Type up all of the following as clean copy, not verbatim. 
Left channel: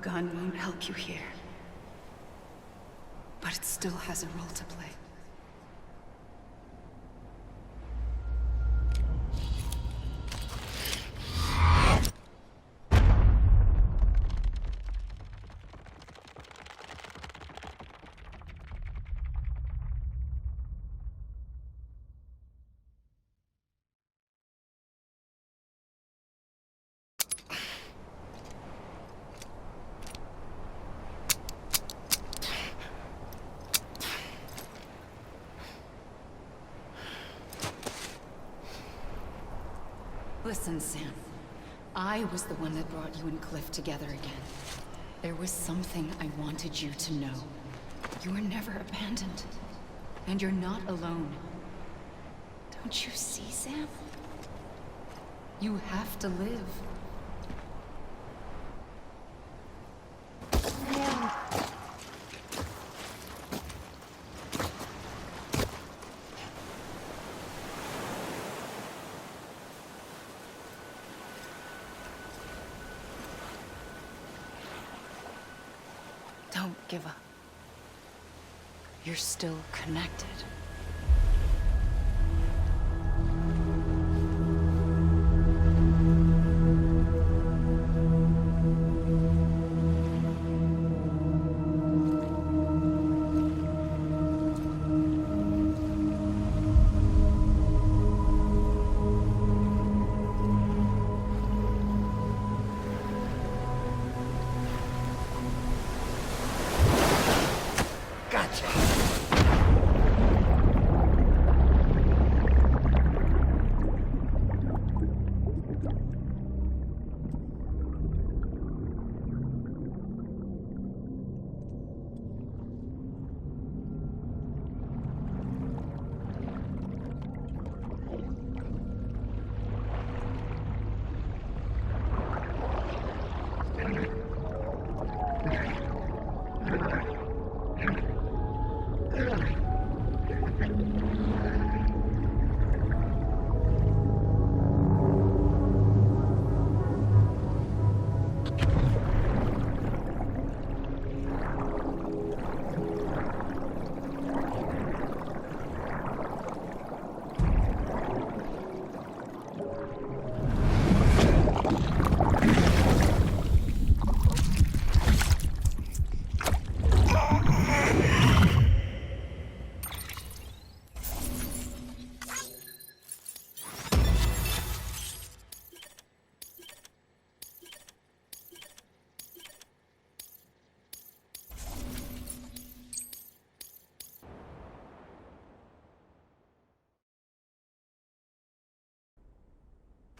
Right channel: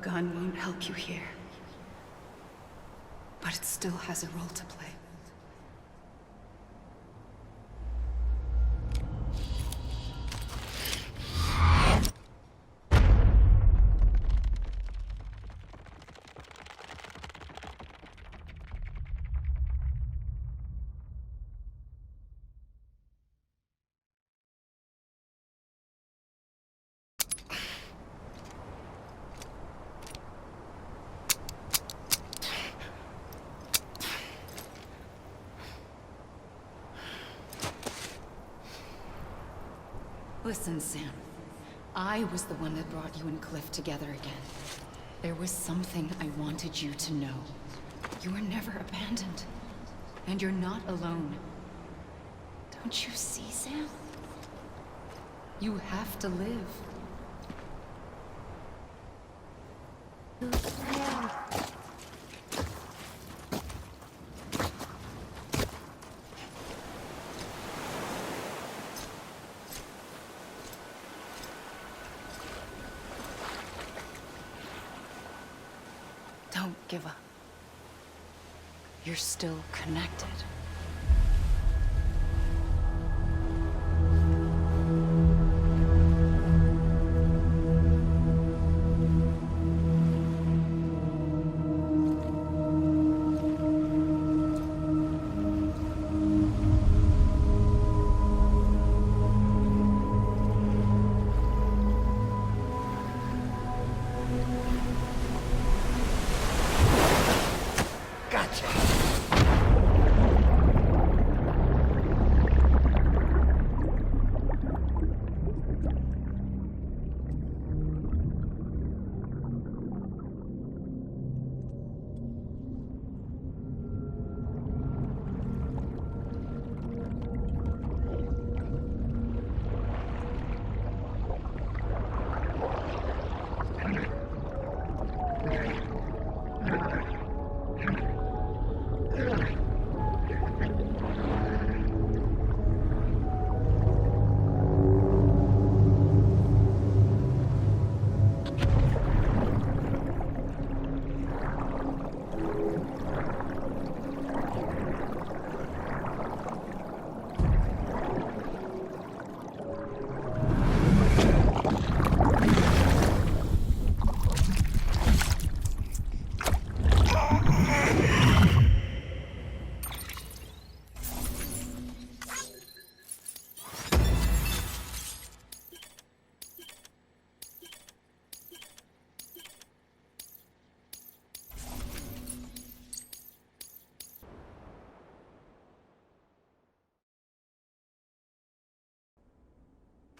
gun won't help you here. But it still has a role to play. Listen, Sam. I was the one that brought you and Cliff together again. There was something I wanted you to know. You were never abandoned. And you're not alone. Don't you see, Sam? You have to live. Don't give up. You're still connected.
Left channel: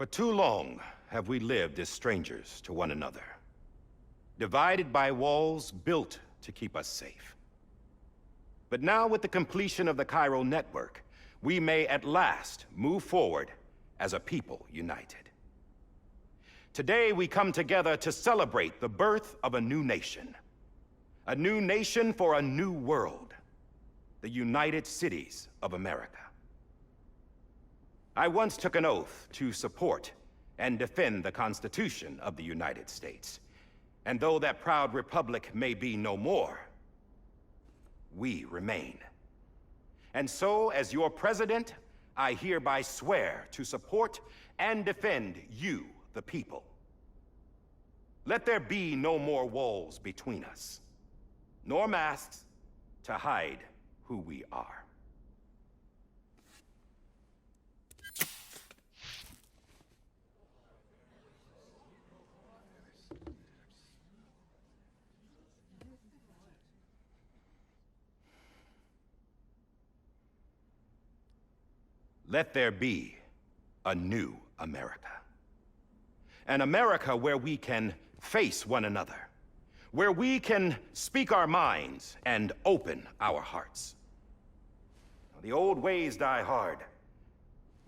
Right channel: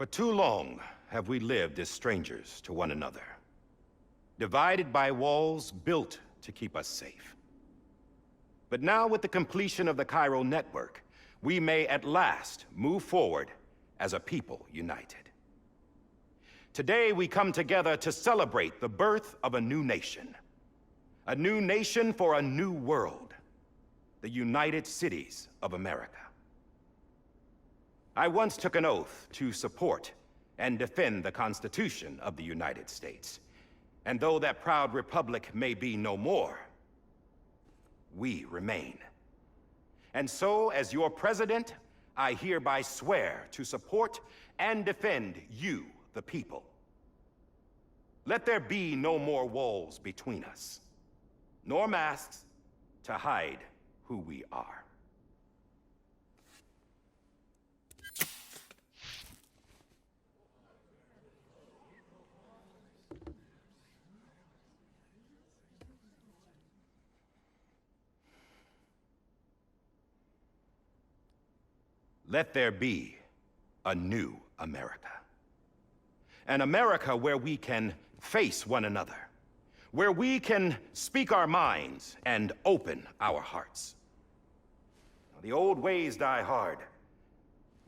For too long have we lived as strangers to one another, divided by walls built to keep us safe. But now, with the completion of the Chiral network, we may at last move forward as a people united. Today we come together to celebrate the birth of a new nation. A new nation for a new world. The United Cities of America. I once took an oath to support and defend the Constitution of the United States. And though that proud republic may be no more, we remain. And so, as your president, I hereby swear to support and defend you, the people. Let there be no more walls between us, nor masks to hide who we are. Let there be a new America. An America where we can face one another, where we can speak our minds and open our hearts. The old ways die hard,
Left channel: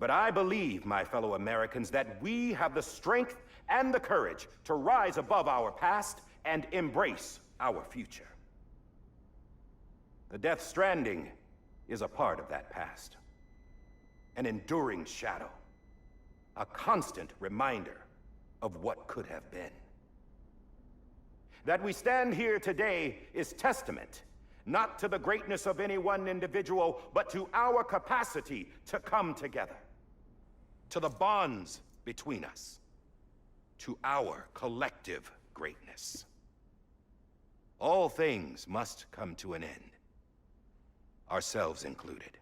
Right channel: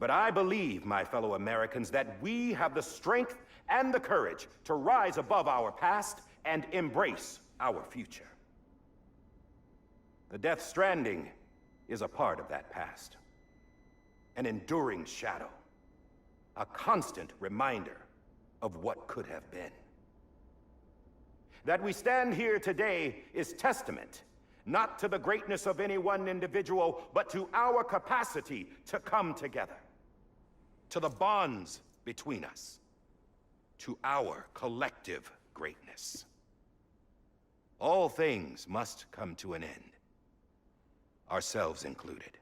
but I believe, my fellow Americans, that we have the strength and the courage to rise above our past and embrace our future. The Death Stranding is a part of that past. An enduring shadow, a constant reminder of what could have been. That we stand here today is testament, not to the greatness of any one individual, but to our capacity to come together. To the bonds between us. To our collective greatness. All things must come to an end, ourselves included.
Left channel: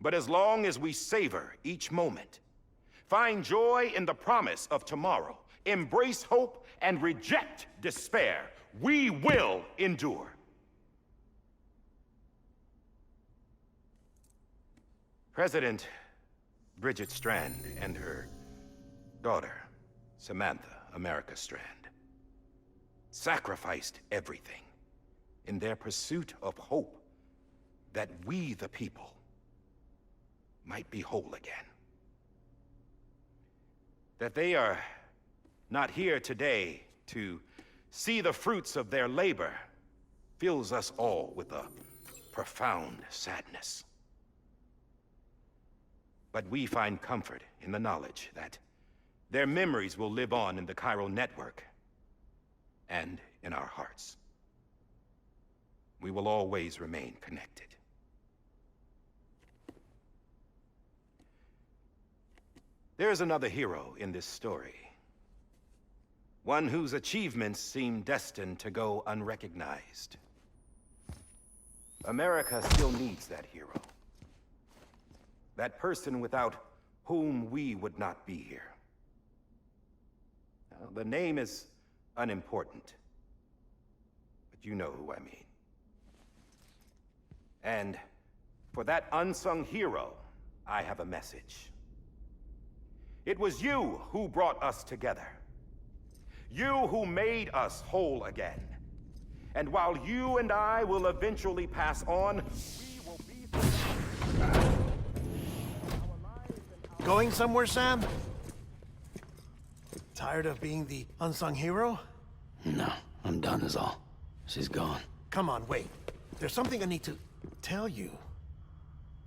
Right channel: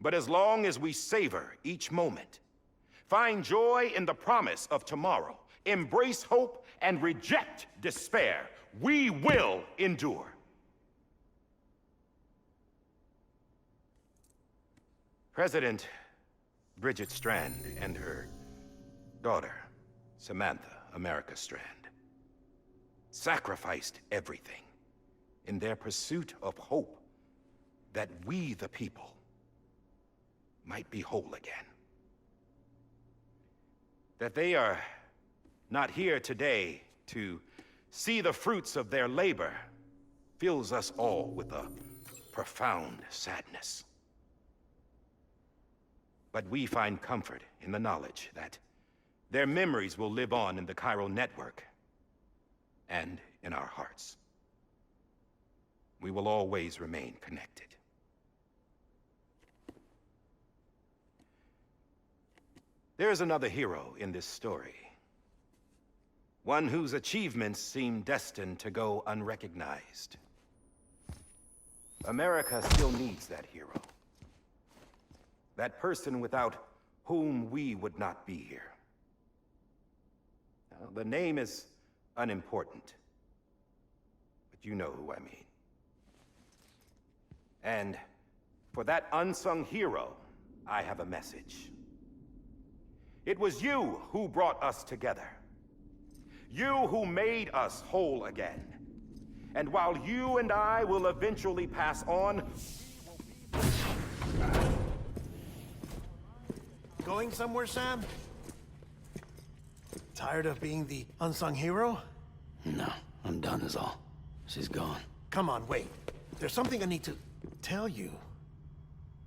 But as long as we savor each moment, find joy in the promise of tomorrow, embrace hope, and reject despair, we will endure. President Bridget Strand and her daughter, Samantha America Strand, sacrificed everything in their pursuit of hope that we, the people, might be whole again. That they are not here today to see the fruits of their labor fills us all with a profound sadness. But we find comfort in the knowledge that their memories will live on in the chiral network and in our hearts. We will always remain connected. There is another hero in this story. One whose achievements seem destined to go unrecognized. America still needs that hero. That person without whom we would not be here. Now, the name is unimportant, but you know who I mean. And for that unsung hero, I have a message. It was you who brought us together. You who made us whole again. And while you and I will eventually pass on, we will be... Going somewhere, Sam? Tired of being the unsung hero? No, I'm done is all. She's gone. Come on, wait. There's something I need to tell you.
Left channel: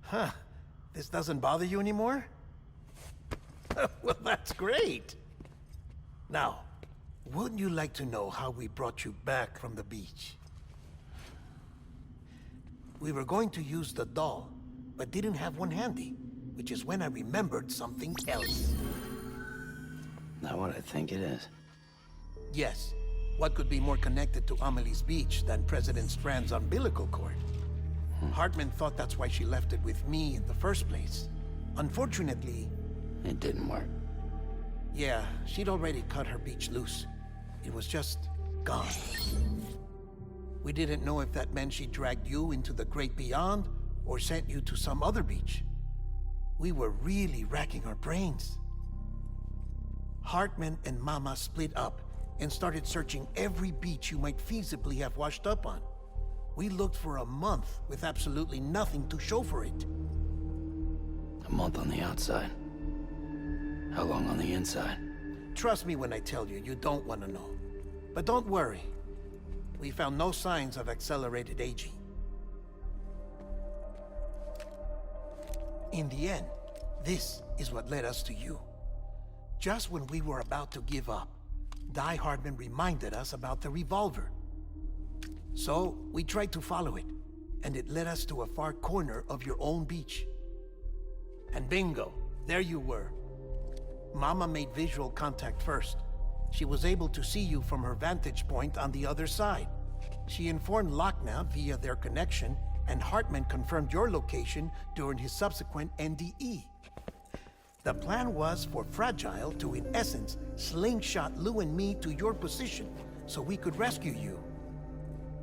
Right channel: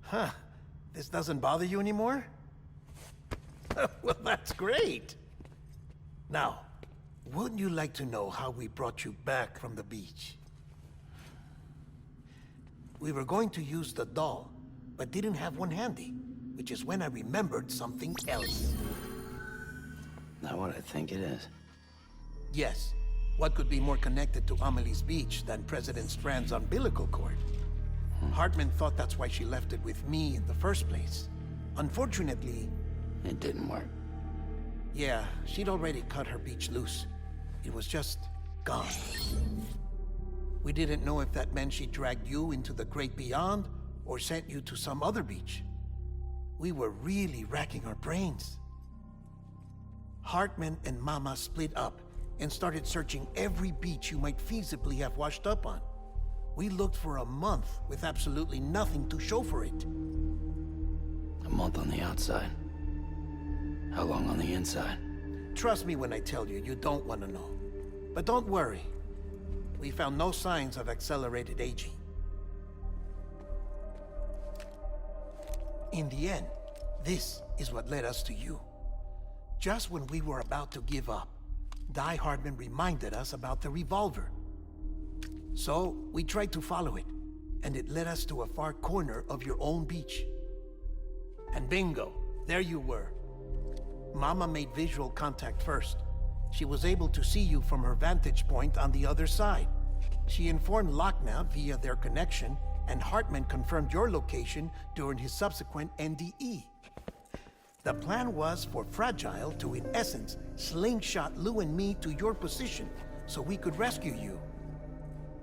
Huh. This doesn't bother you anymore? Well, that's great. Now, wouldn't you like to know how we brought you back from the beach? We were going to use the doll, but didn't have one handy, which is when I remembered something else. Not what I think it is. Yes. What could be more connected to Amelie's beach than President Strand's umbilical cord? Hartman thought that's why she left it with me in the first place. Unfortunately... It didn't work. Yeah, she'd already cut her beach loose. It was just gone. We didn't know if that meant she dragged you into the great beyond, or sent you to some other beach. We were really racking our brains. Hartman and Mama split up and started searching every beach you might feasibly have washed up on. We looked for a month with absolutely nothing to show for it. A month on the outside. How long on the inside? Trust me when I tell you, you don't want to know. But don't worry. We found no signs of accelerated aging. In the end, this is what led us to you. Just when we were about to give up, Die Hardman reminded us about the revolver. So, we tried to follow it, and it led us to a far corner of your own beach. And bingo, there you were. Mama made visual contact first. She was able to see you from her vantage point on the other side. She informed Lochna via their connection, and Hartman confirmed your location during his subsequent NDE. The plan was for Fragile to, in essence, slingshot Lou and me to your position so we could rescue you.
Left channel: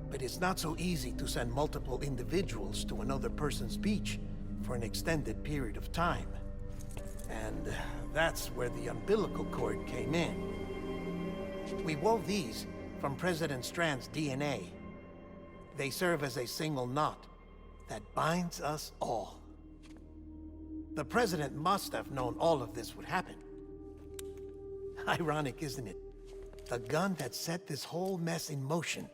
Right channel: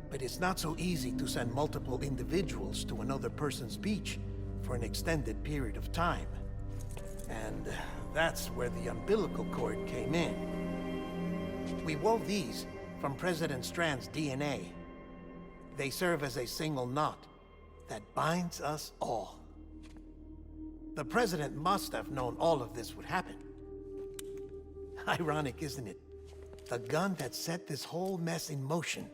But it's not so easy to send multiple individuals to another person's beach for an extended period of time. And that's where the umbilical cord came in. We wove these from President Strand's DNA. They serve as a single knot that binds us all. The President must have known all of this would happen. Ironic, isn't it? The gun that set this whole mess in motion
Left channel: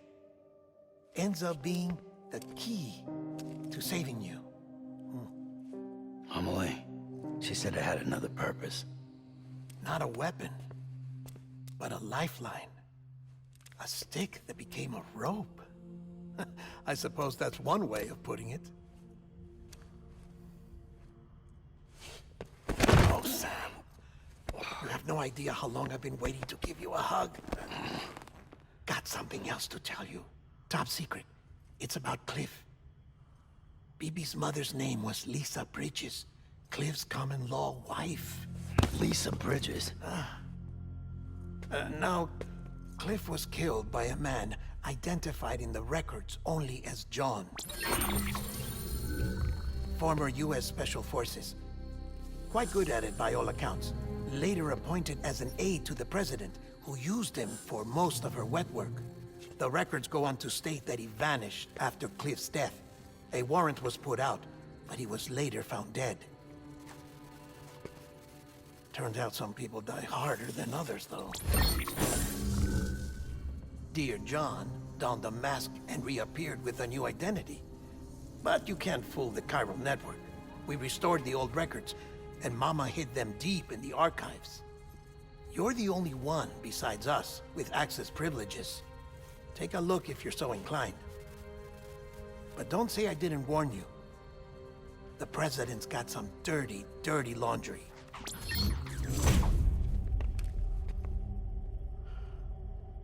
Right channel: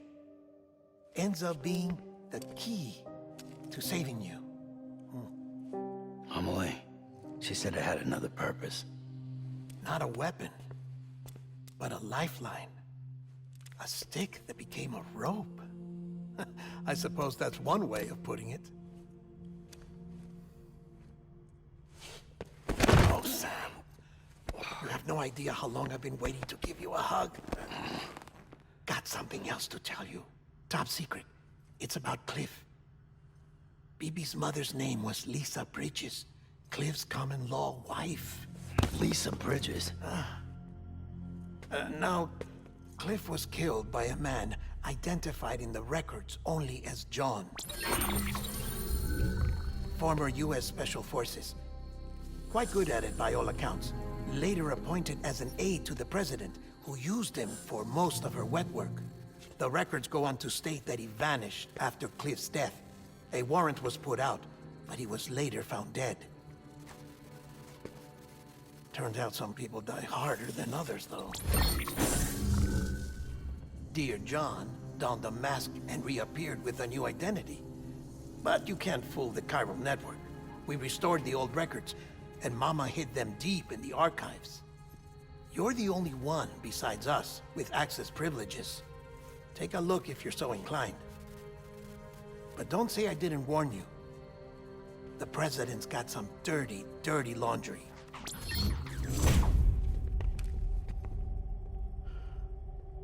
ends up being the key to saving you. Amelie, she said it had another purpose. Not a weapon, but a lifeline. A stick that became a rope. I suppose that's one way of putting it. Oh, Sam. You have no idea how long I've been waiting to give you a hug. Got something else to tell you. Top secret. It's about Cliff. BB's mother's name was Lisa Bridges, Cliff's common-law wife. Lisa Bridges. Now, Cliff was killed by a man identified in the records only as John. Former U.S. Special Forces. Quite good at it by all accounts. Later appointed as an aide to the president, who used him for most of her wet work. The records go on to state that he vanished after Cliff's death. A warrant was put out, but he was later found dead. Turns out some people die harder than others, though. Dear John donned a mask and reappeared with a new identity. But you can't fool the chiral network. We restored the old records, and Mama hid them deep in the archives. You're the only one, besides us, with access privileges. Take a look if you're so inclined. But don't say I didn't warn you. The president's got some dirty, dirty laundry.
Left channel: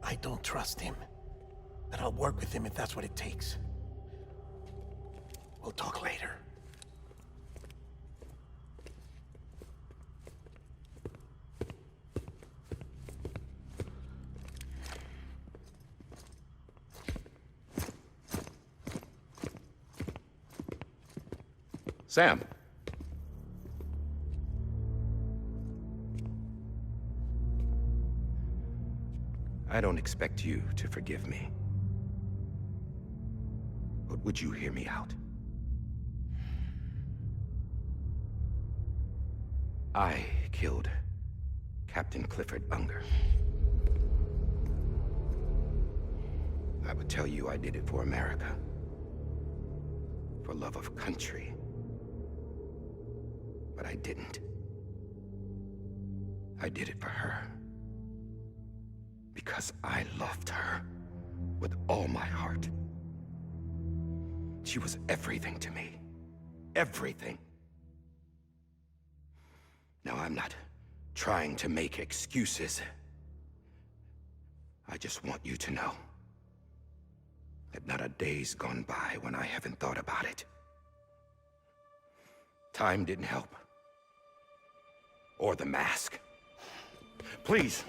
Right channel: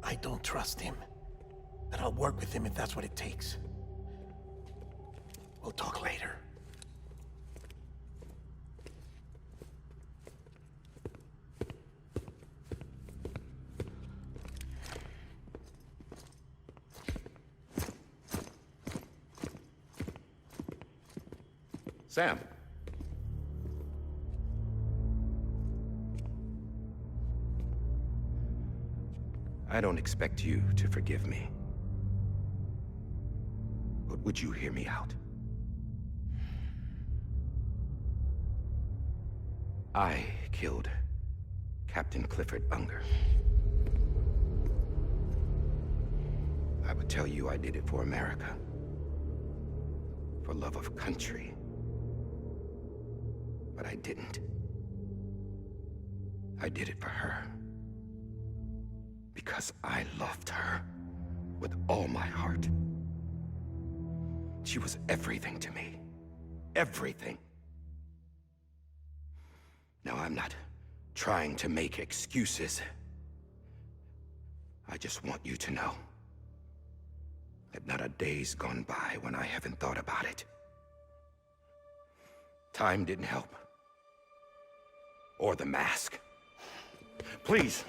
I don't trust him, but I'll work with him if that's what it takes. We'll talk later. Sam. I don't expect you to forgive me. But would you hear me out? I killed Captain Clifford Unger. I would tell you I did it for America. For love of country. But I didn't. I did it for her. Because I loved her with all my heart. She was everything to me. Everything. Now, I'm not trying to make excuses. I just want you to know that not a day's gone by when I haven't thought about it. Time didn't help. Or the mask. Please,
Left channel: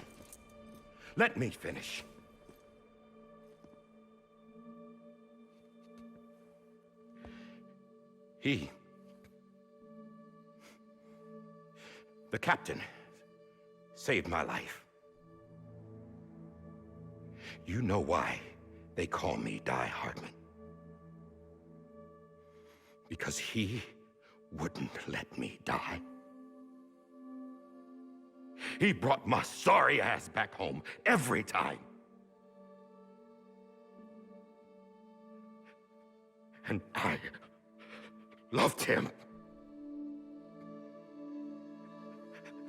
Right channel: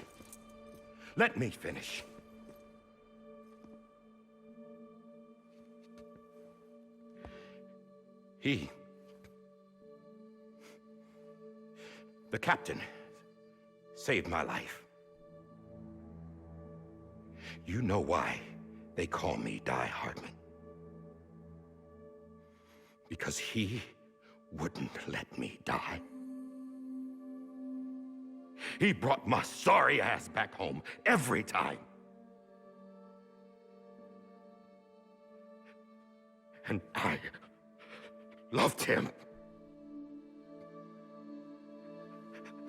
let me finish. The captain, saved my life. You know why they call me Die Hardman. Because he wouldn't let me die. He brought my sorry ass back home every time. And I loved him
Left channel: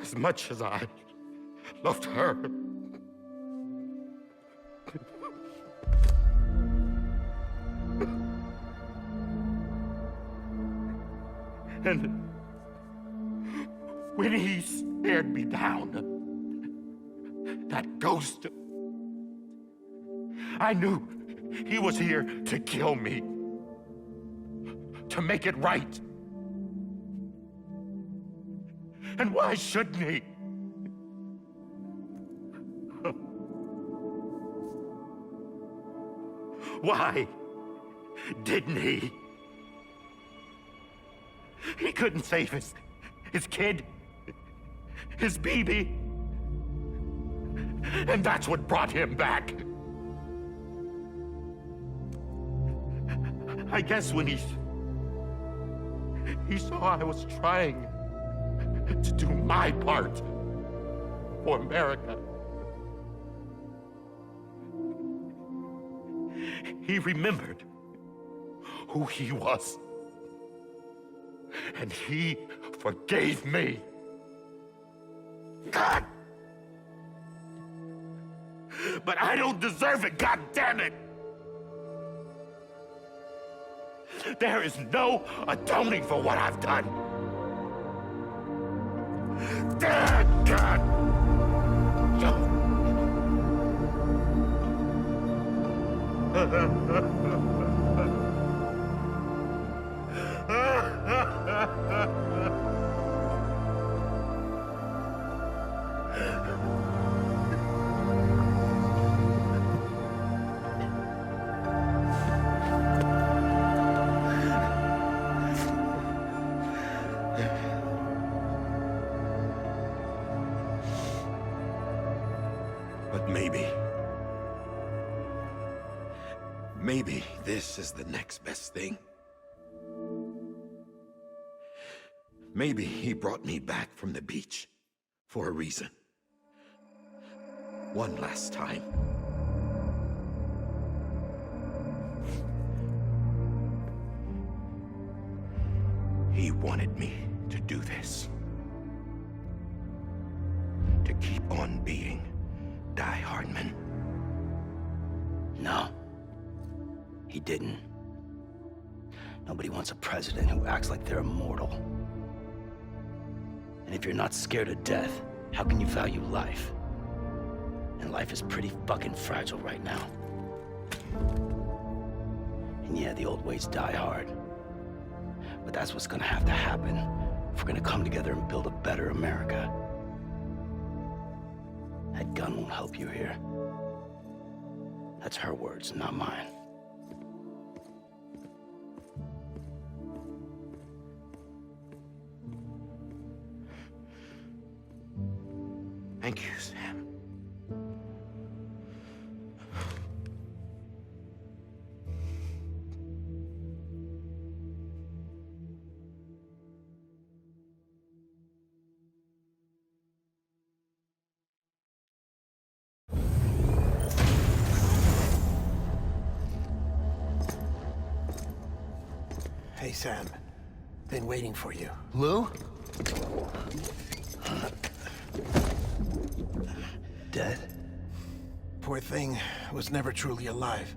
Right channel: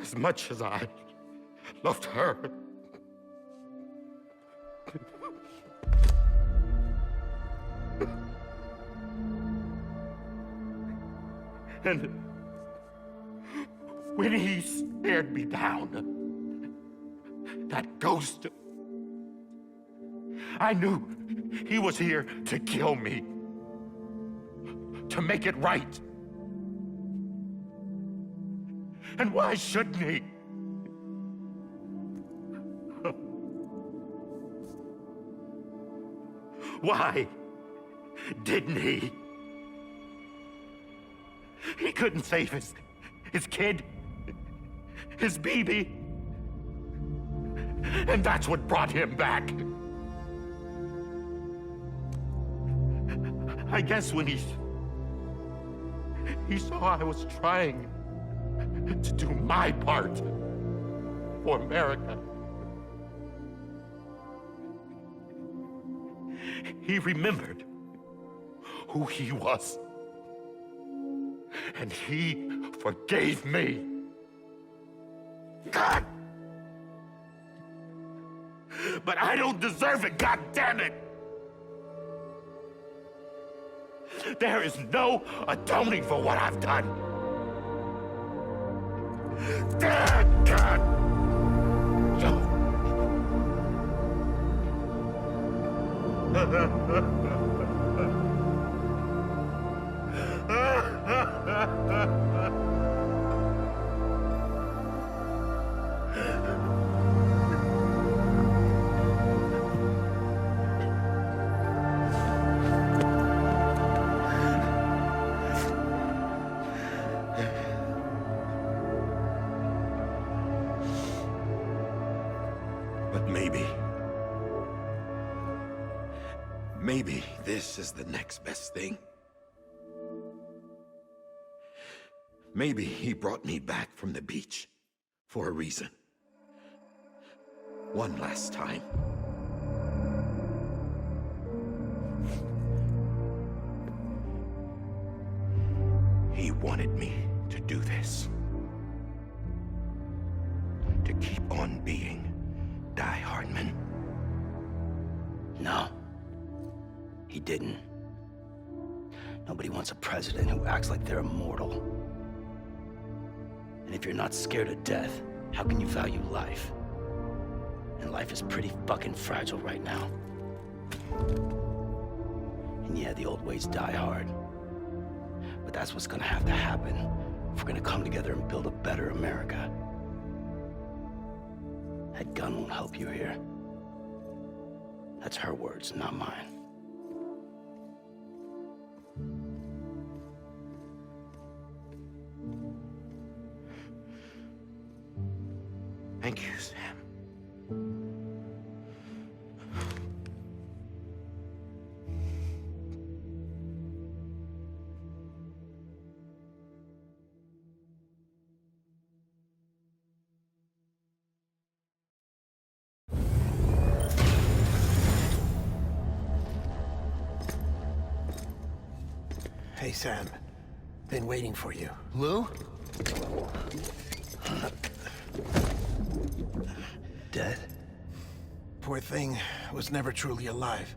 as much as I loved her. And when he stared me down, that ghost, I knew he was here to kill me, to make it right. And why shouldn't he? Why didn't he? He couldn't save his kid, his baby. And that's what brought him back. I guess when he saw I was trying to do my part for America, he remembered who he was. And he forgave me. God! but I don't deserve it, God damn it! There is no atoning for what I've done. God! But maybe this is the next best thing. Maybe he brought me back from the beach for a reason. One last time. He wanted me to do this. To keep on being Die Hardman. No. He didn't. Nobody wants a president who acts like they're immortal. And if you're not scared of death, how can you value life? And life is pretty fucking fragile right now. And yeah, the old ways die hard. But that's what's gonna have to happen if we're gonna come together and build a better America. That gun won't help you here. That's her words, not mine. Thank you, Sam. Hey, Sam. Been waiting for you. Lou? Dead? Poor thing was never truly alive.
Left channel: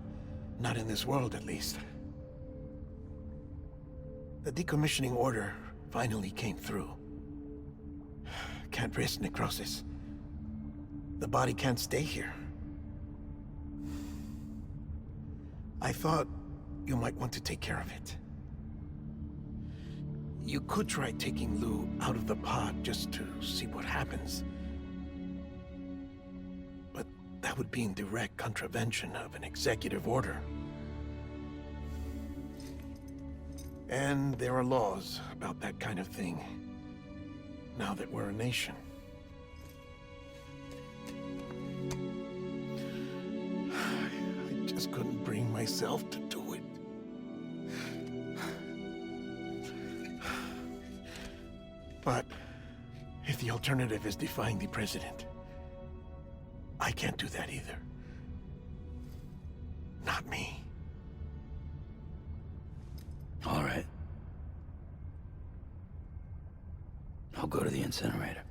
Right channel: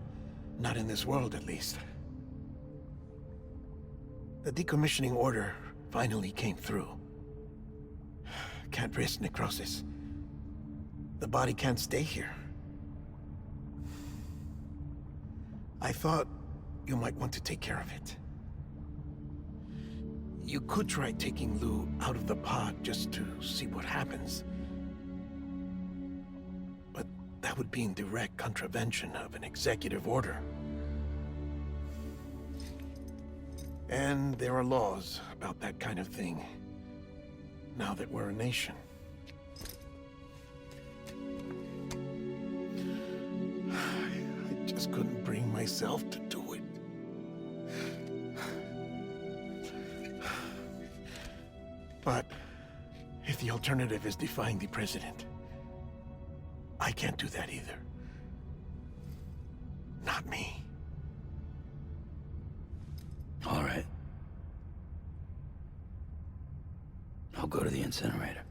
Not in this world, at least. The decommissioning order finally came through. Can't risk necrosis. The body can't stay here. I thought you might want to take care of it. You could try taking Lou out of the pod just to see what happens. But that would be in direct contravention of an executive order. And there are laws about that kind of thing, now that we're a nation. I just couldn't bring myself to do it. But if the alternative is defying the president, I can't do that either. Not me. All right. I'll go to the incinerator.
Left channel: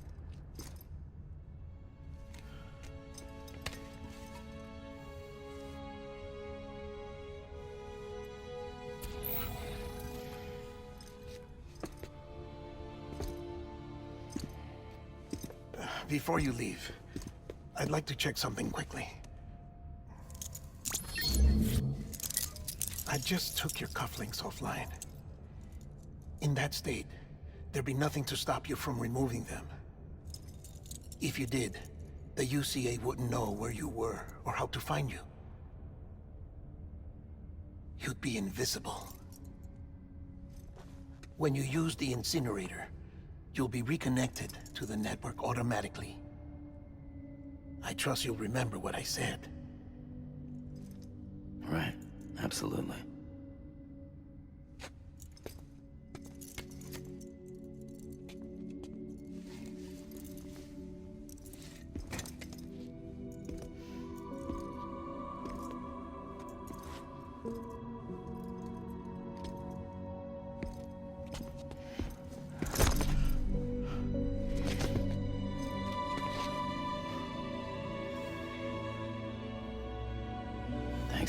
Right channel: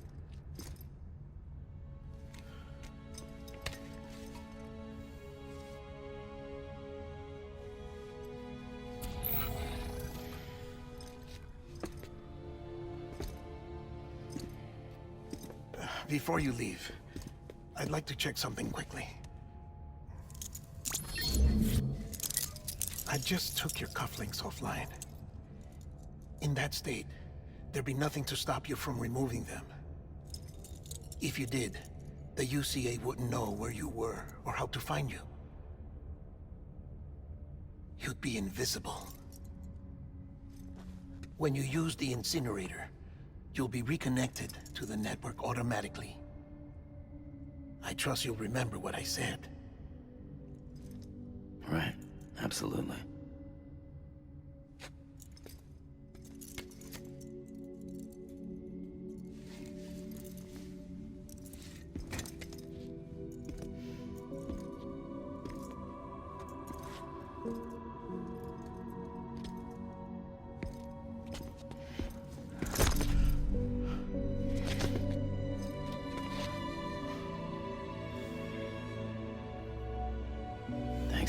Before you leave, I'd like to check something quickly. I just took your cufflinks offline. In that state, there'd be nothing to stop you from removing them. If you did, the UCA wouldn't know where you were or how to find you. You'd be invisible. When you use the incinerator, you'll be reconnected to the network automatically. I trust you'll remember what I said. Right. Absolutely.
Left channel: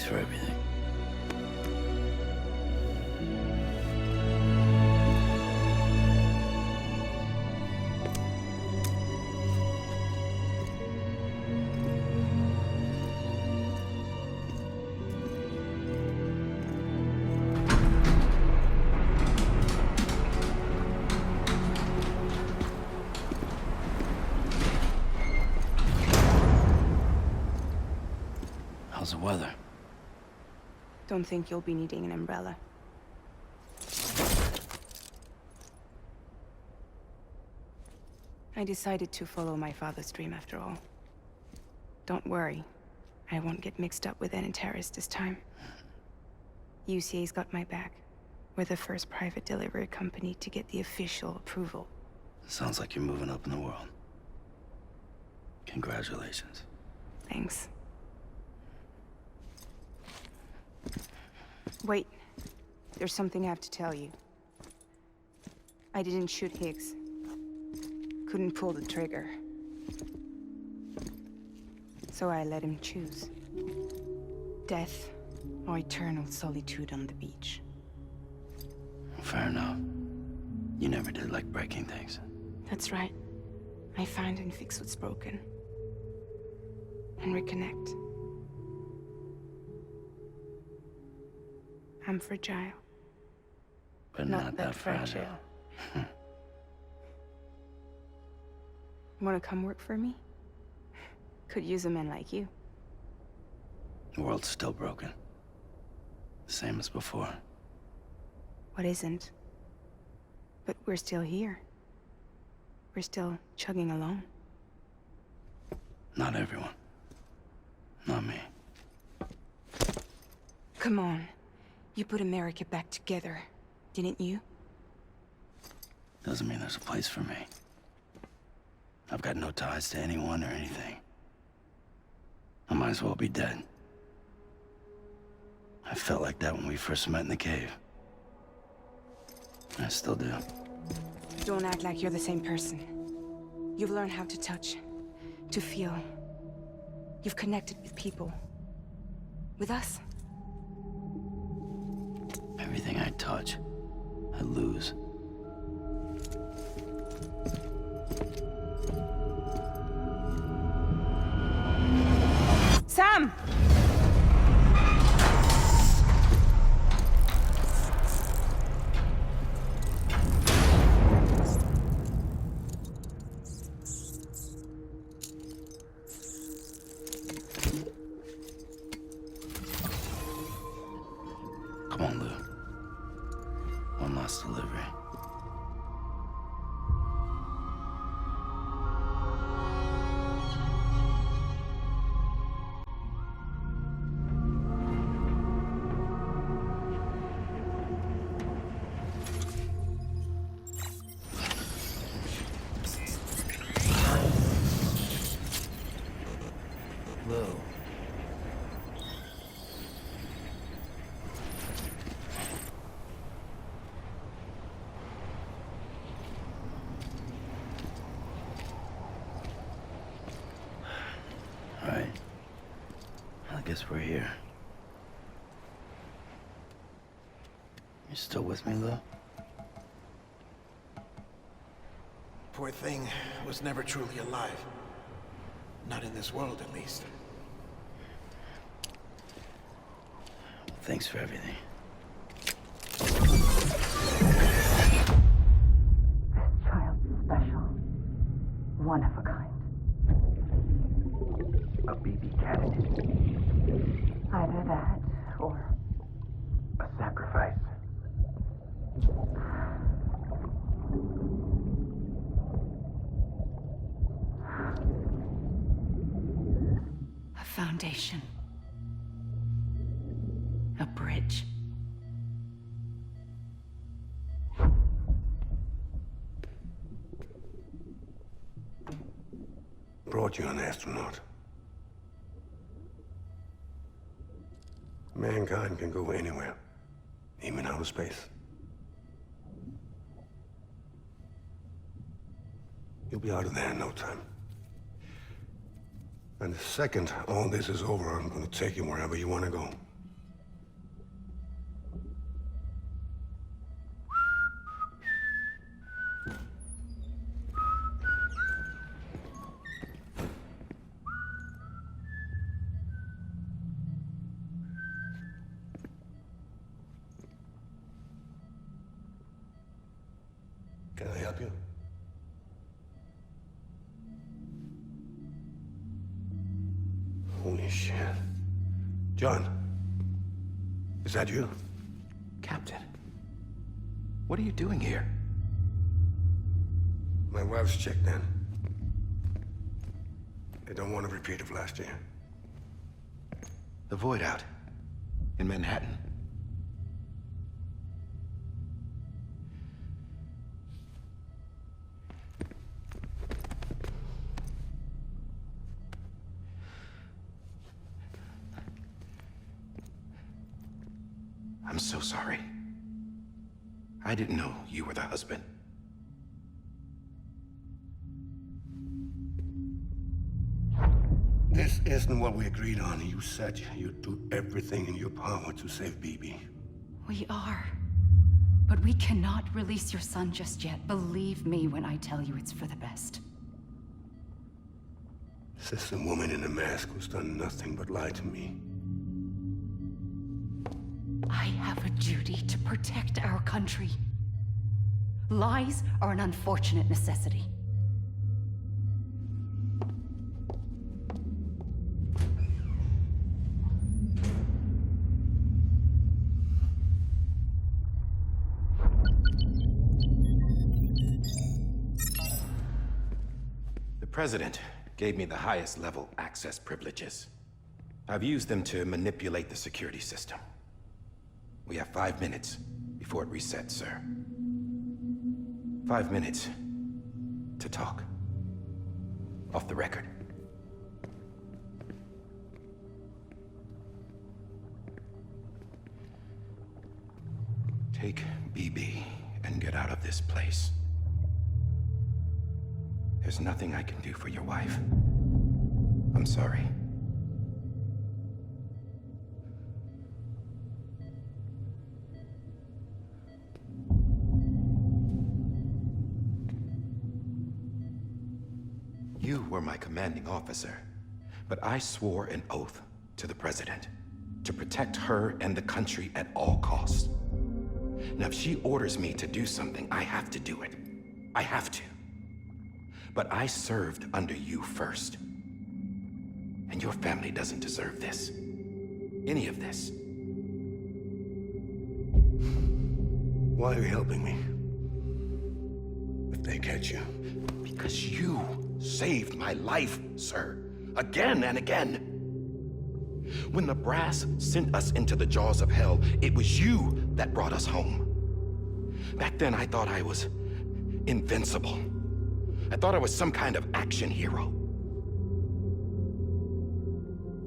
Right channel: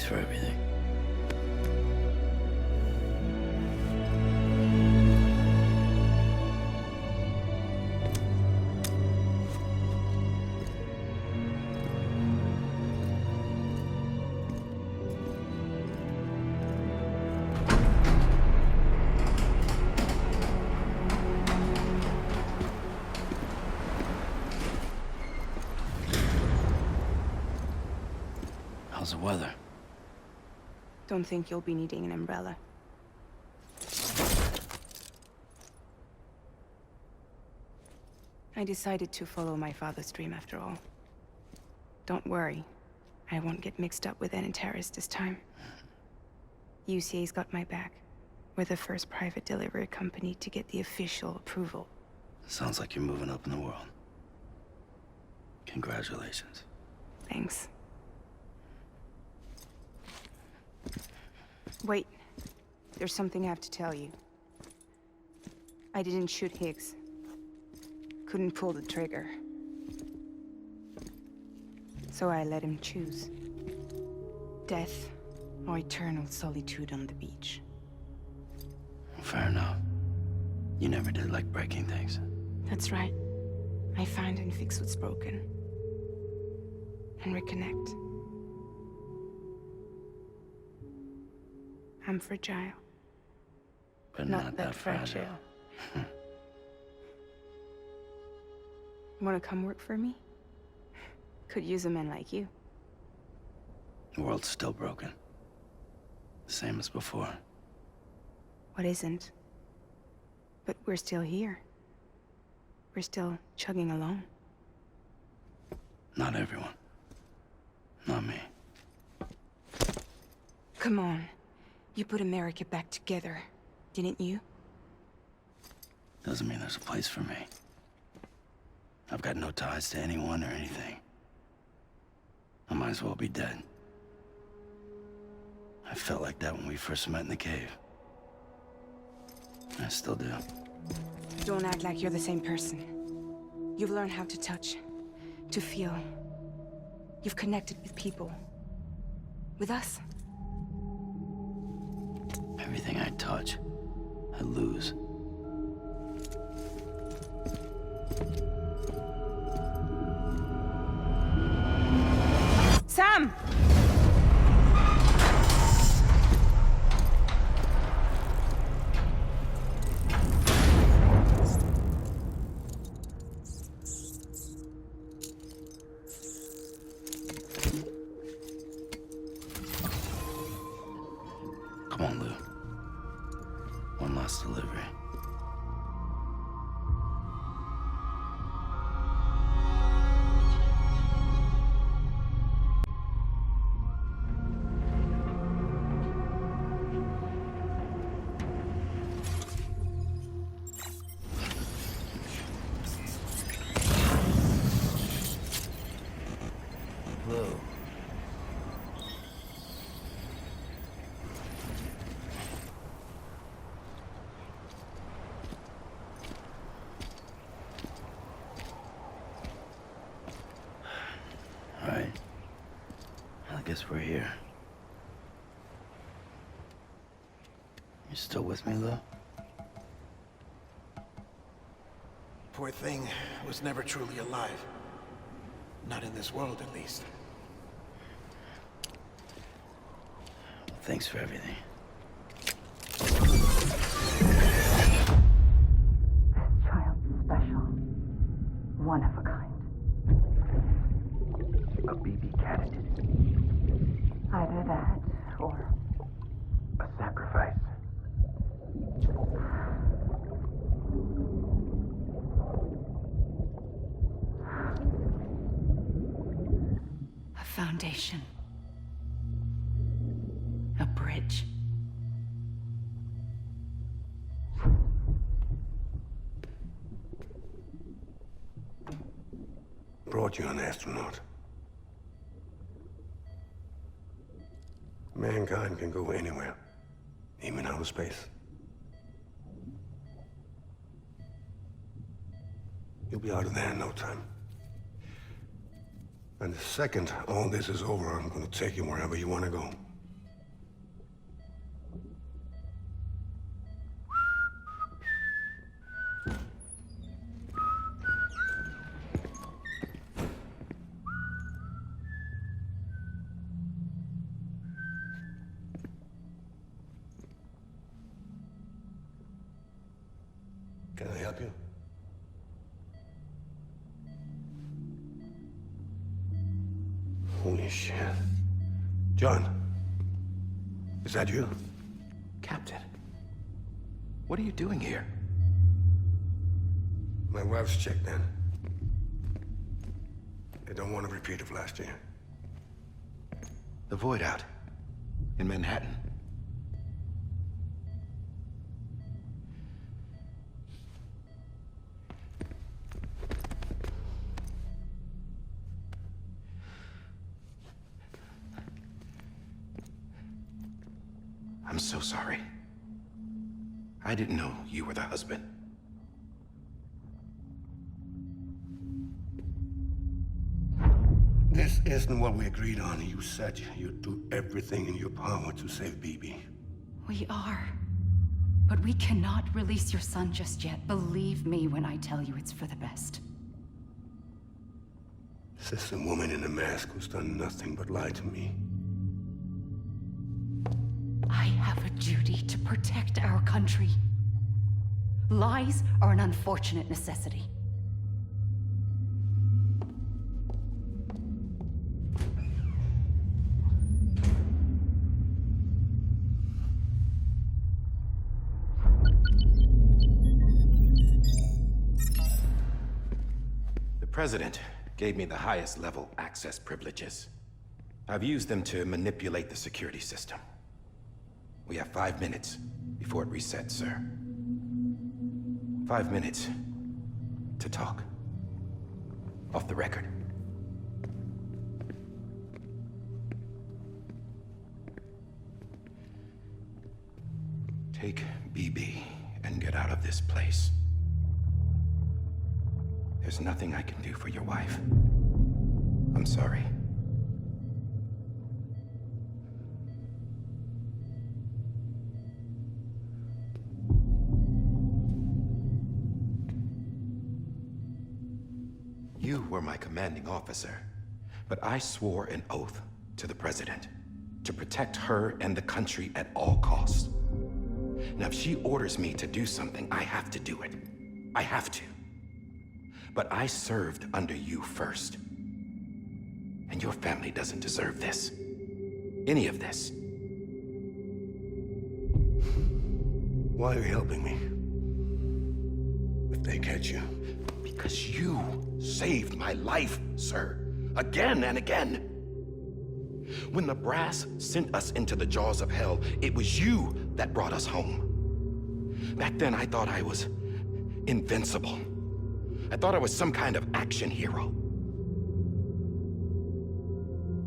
for everything. How's the weather? Don't think you'll be needing an umbrella. I decided to follow my father's dream after all. Don't worry. I won't get mixed up with any terrorists this time. UCA's got my back. We're the first private delivery company to get the official approval. Sounds like you're moving up in the world. Congratulations. Thanks. Wait. There's something I have to tell you. I didn't shoot Higgs. Couldn't pull the trigger. So I let him choose. Death or eternal solitude on the beach. Fair enough. You never did like breaking things. That's right. I find and fix what's broken. And reconnect. I'm fragile. But not that fragile. Wanna come work for me? Could use a man like you. The world's still broken. Same as before. What isn't? But we're still here. We're still chugging along. Not everyone. Not me. Come on. You put America back together, didn't you? Doesn't mean there's a place for me. I've got no ties to anyone or anything. I might as well be dead. I felt like that when we first met in the cave. I still do. Don't act like you're the same person. You've learned how to touch, to feel. You've connected with people. With us. Everything I touch, I lose. Sam! Come on, Lou. One last delivery. Lou. All right. I guess we're here. You still with me, Lou? Poor thing was never truly alive. Not in this world, at least. Thanks for everything. Child special. One of a kind. A baby candidate. Either that, or... A sacrifice. a foundation. A bridge. Brought you an astronaut. Mankind can go anywhere, even outer space. You'll be out of there in no time. And the second all this is over, I'm gonna take you wherever you want to go. help you? Holy shit. John, is that you? Captain, what are you doing here? My wife's checked in. They don't want a repeat of last year. The Void out in Manhattan. I'm so sorry. I didn't know you were the husband. This isn't what we agreed on. You said you'd do everything in your power to save BB. We are. But we cannot release your son just yet. Believe me when I tell you it's for the best. This is a woman in a mask who's done nothing but lie to me. I have a duty to protect our country. Lies are an unfortunate necessity. The President gave me the highest level access privileges. I've used them to manipulate the security system. We have 5 minutes before it resets, sir. 5 minutes to talk. Off the record. Take BB and get out of this place. There's nothing I can do for your wife. I'm sorry. You were my commanding officer, but I swore an oath to the President to protect her and the country at all costs. Now, if she orders me to do something, I have to do it. I have to. But I served under you first. And your family doesn't deserve this. Any of this. Why are you helping me? If they catch you. Because you saved my life, sir. Again and again. When the brass sent us into the jaws of hell, it was you that brought us home. Back then, I thought I was invincible. I thought I was some kind of action hero.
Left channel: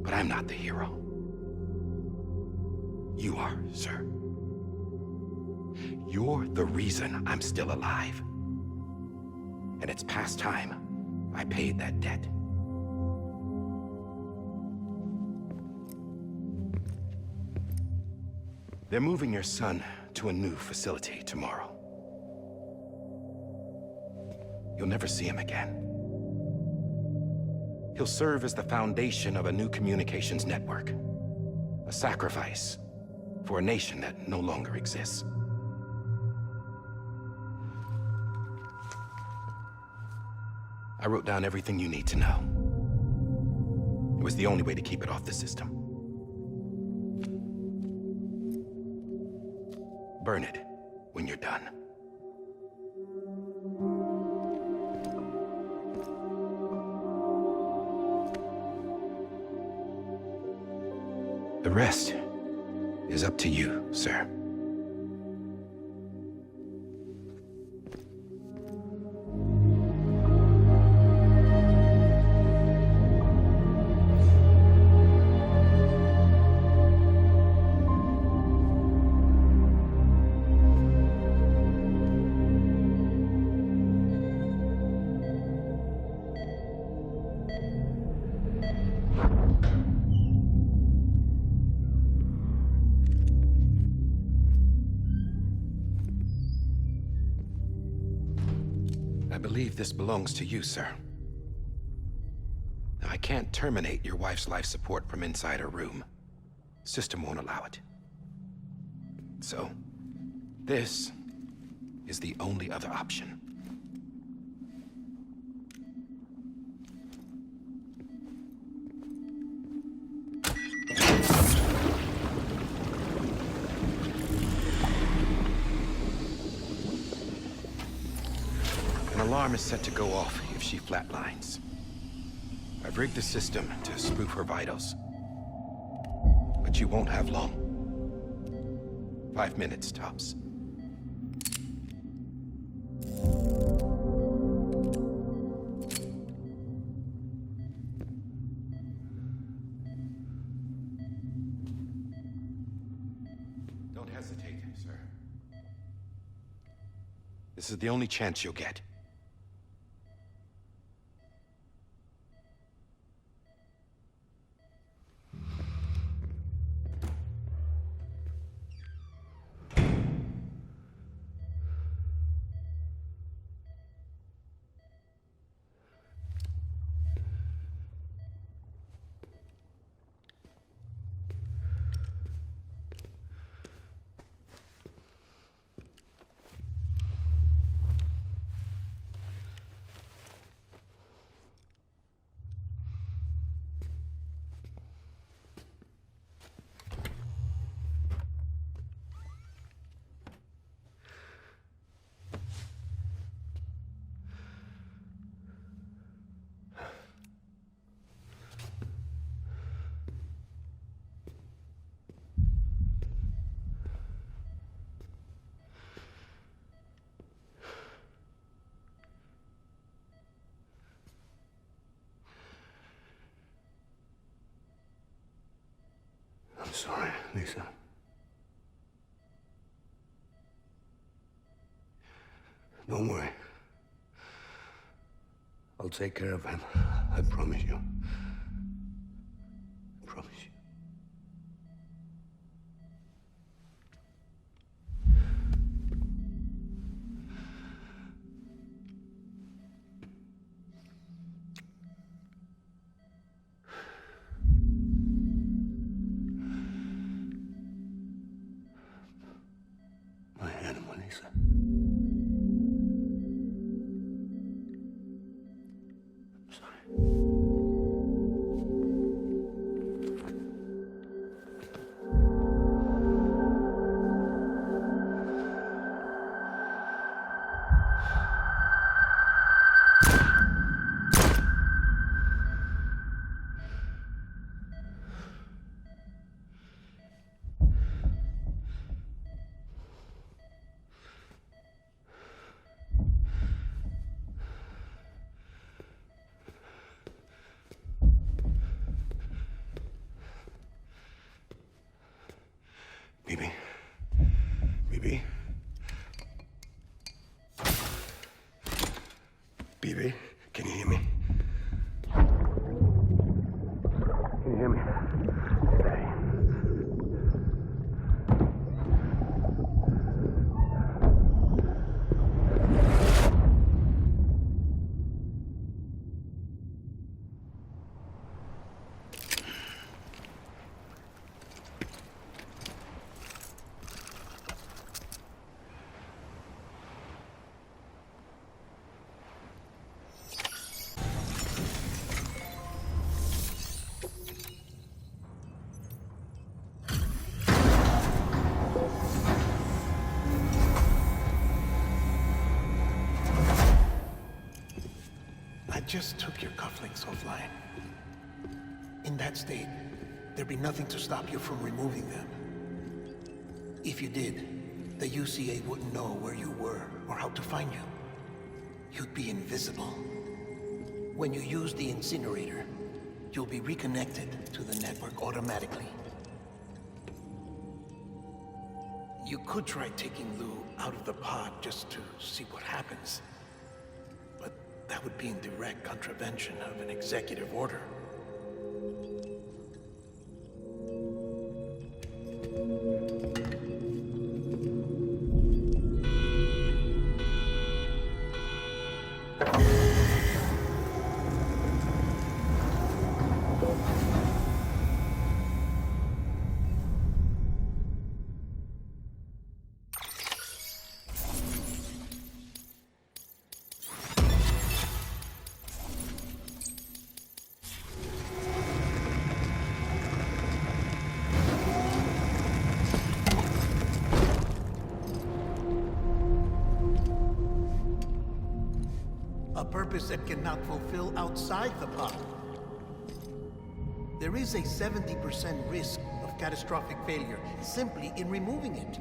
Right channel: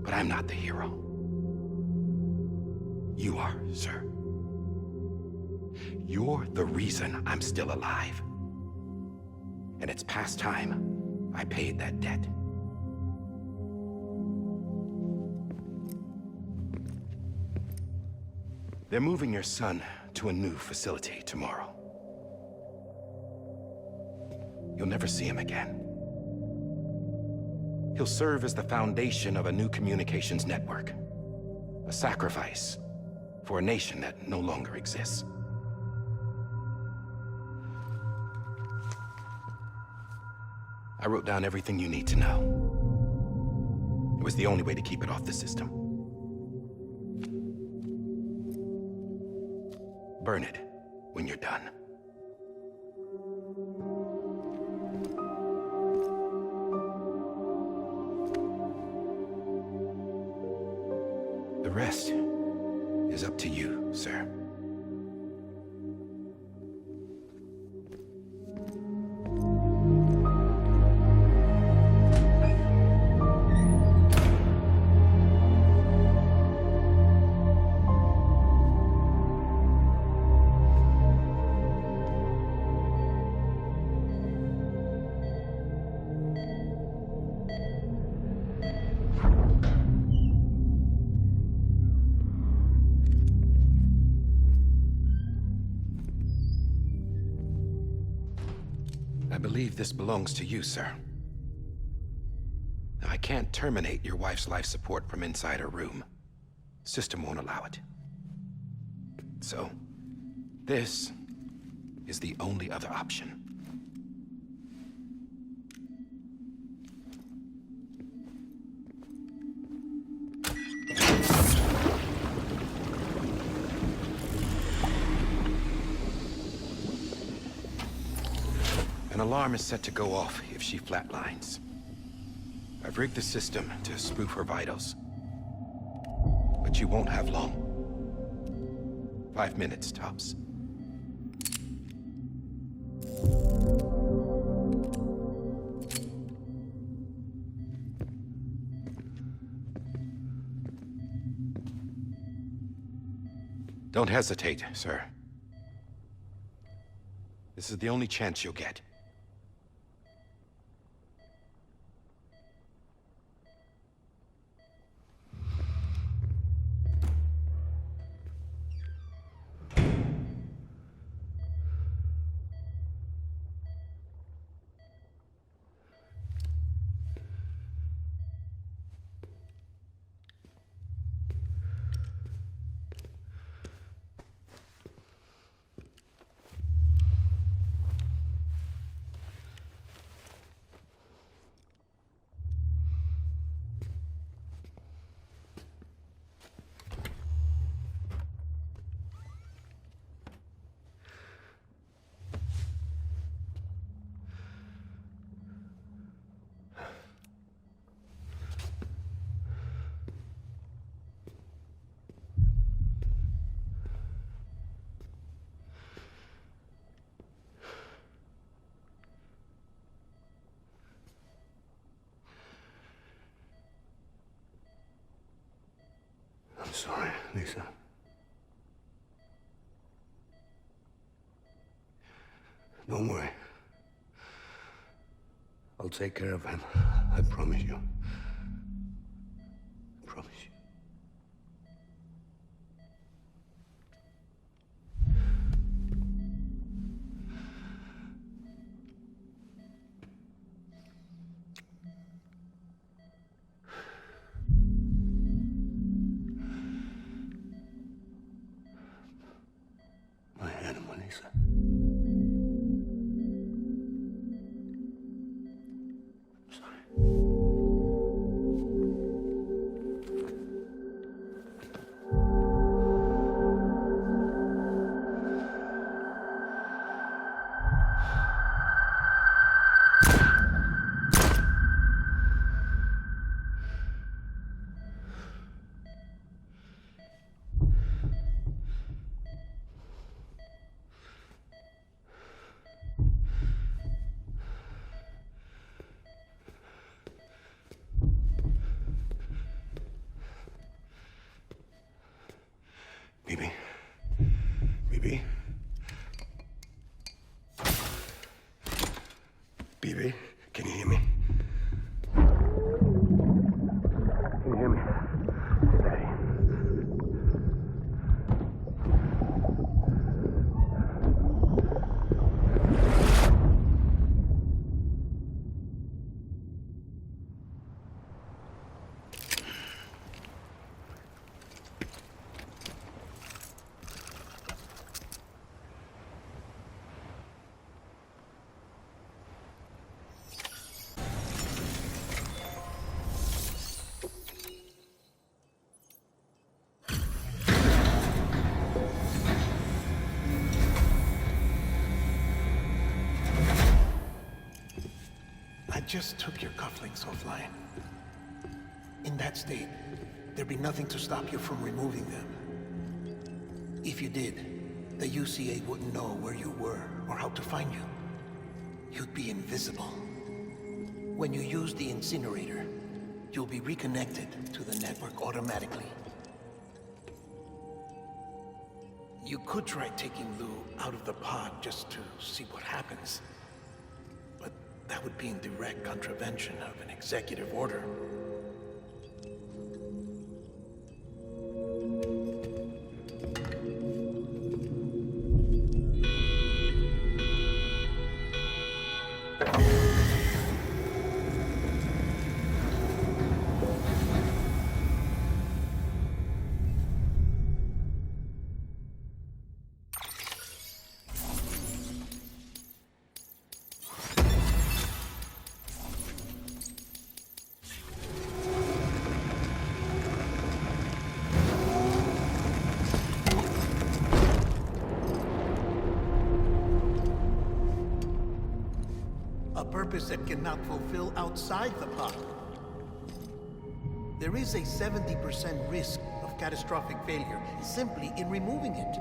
But I'm not the hero. You are, sir. You're the reason I'm still alive. And it's past time I paid that debt. They're moving your son to a new facility tomorrow. You'll never see him again. He'll serve as the foundation of a new communications network. A sacrifice for a nation that no longer exists. I wrote down everything you need to know. It was the only way to keep it off the system. Burn it when you're done. The rest is up to you, sir. I believe this belongs to you, sir. Now, I can't terminate your wife's life support from inside her room. System won't allow it. So, this is the only other option. An alarm is set to go off if she flatlines. I've rigged the system to spoof her vitals. But you won't have long. 5 minutes, tops. Don't hesitate, sir. This is the only chance you'll get. I'm sorry, Lisa. Don't worry. I'll take care of him. I promise you. I promise you. My animal, Lisa. I'm sorry. Bibi? Bibi? Bibi, can you hear me? Can you hear me? Steady. I just took your cufflinks offline. In that state, there'd be nothing to stop you from removing them. If you did, the UCA wouldn't know where you were or how to find you. You'd be invisible. When you use the incinerator, you'll be reconnected to the network automatically. You could try taking Lou out of the pod just to see what happens. But that would be in direct contravention of an executive order. purpose it cannot fulfill outside the pod. There is a 70% risk of catastrophic failure simply in removing it.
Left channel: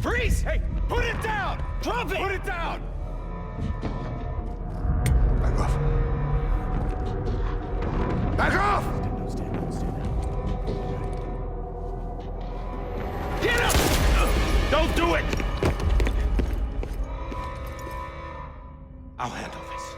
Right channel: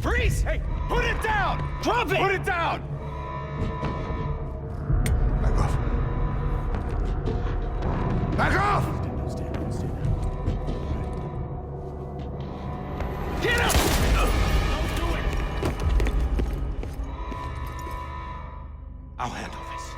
Freeze! Hey, put it down! Drop it! Put it down! Back off. Back off! Stand down. Get him! Don't do it! I'll handle this.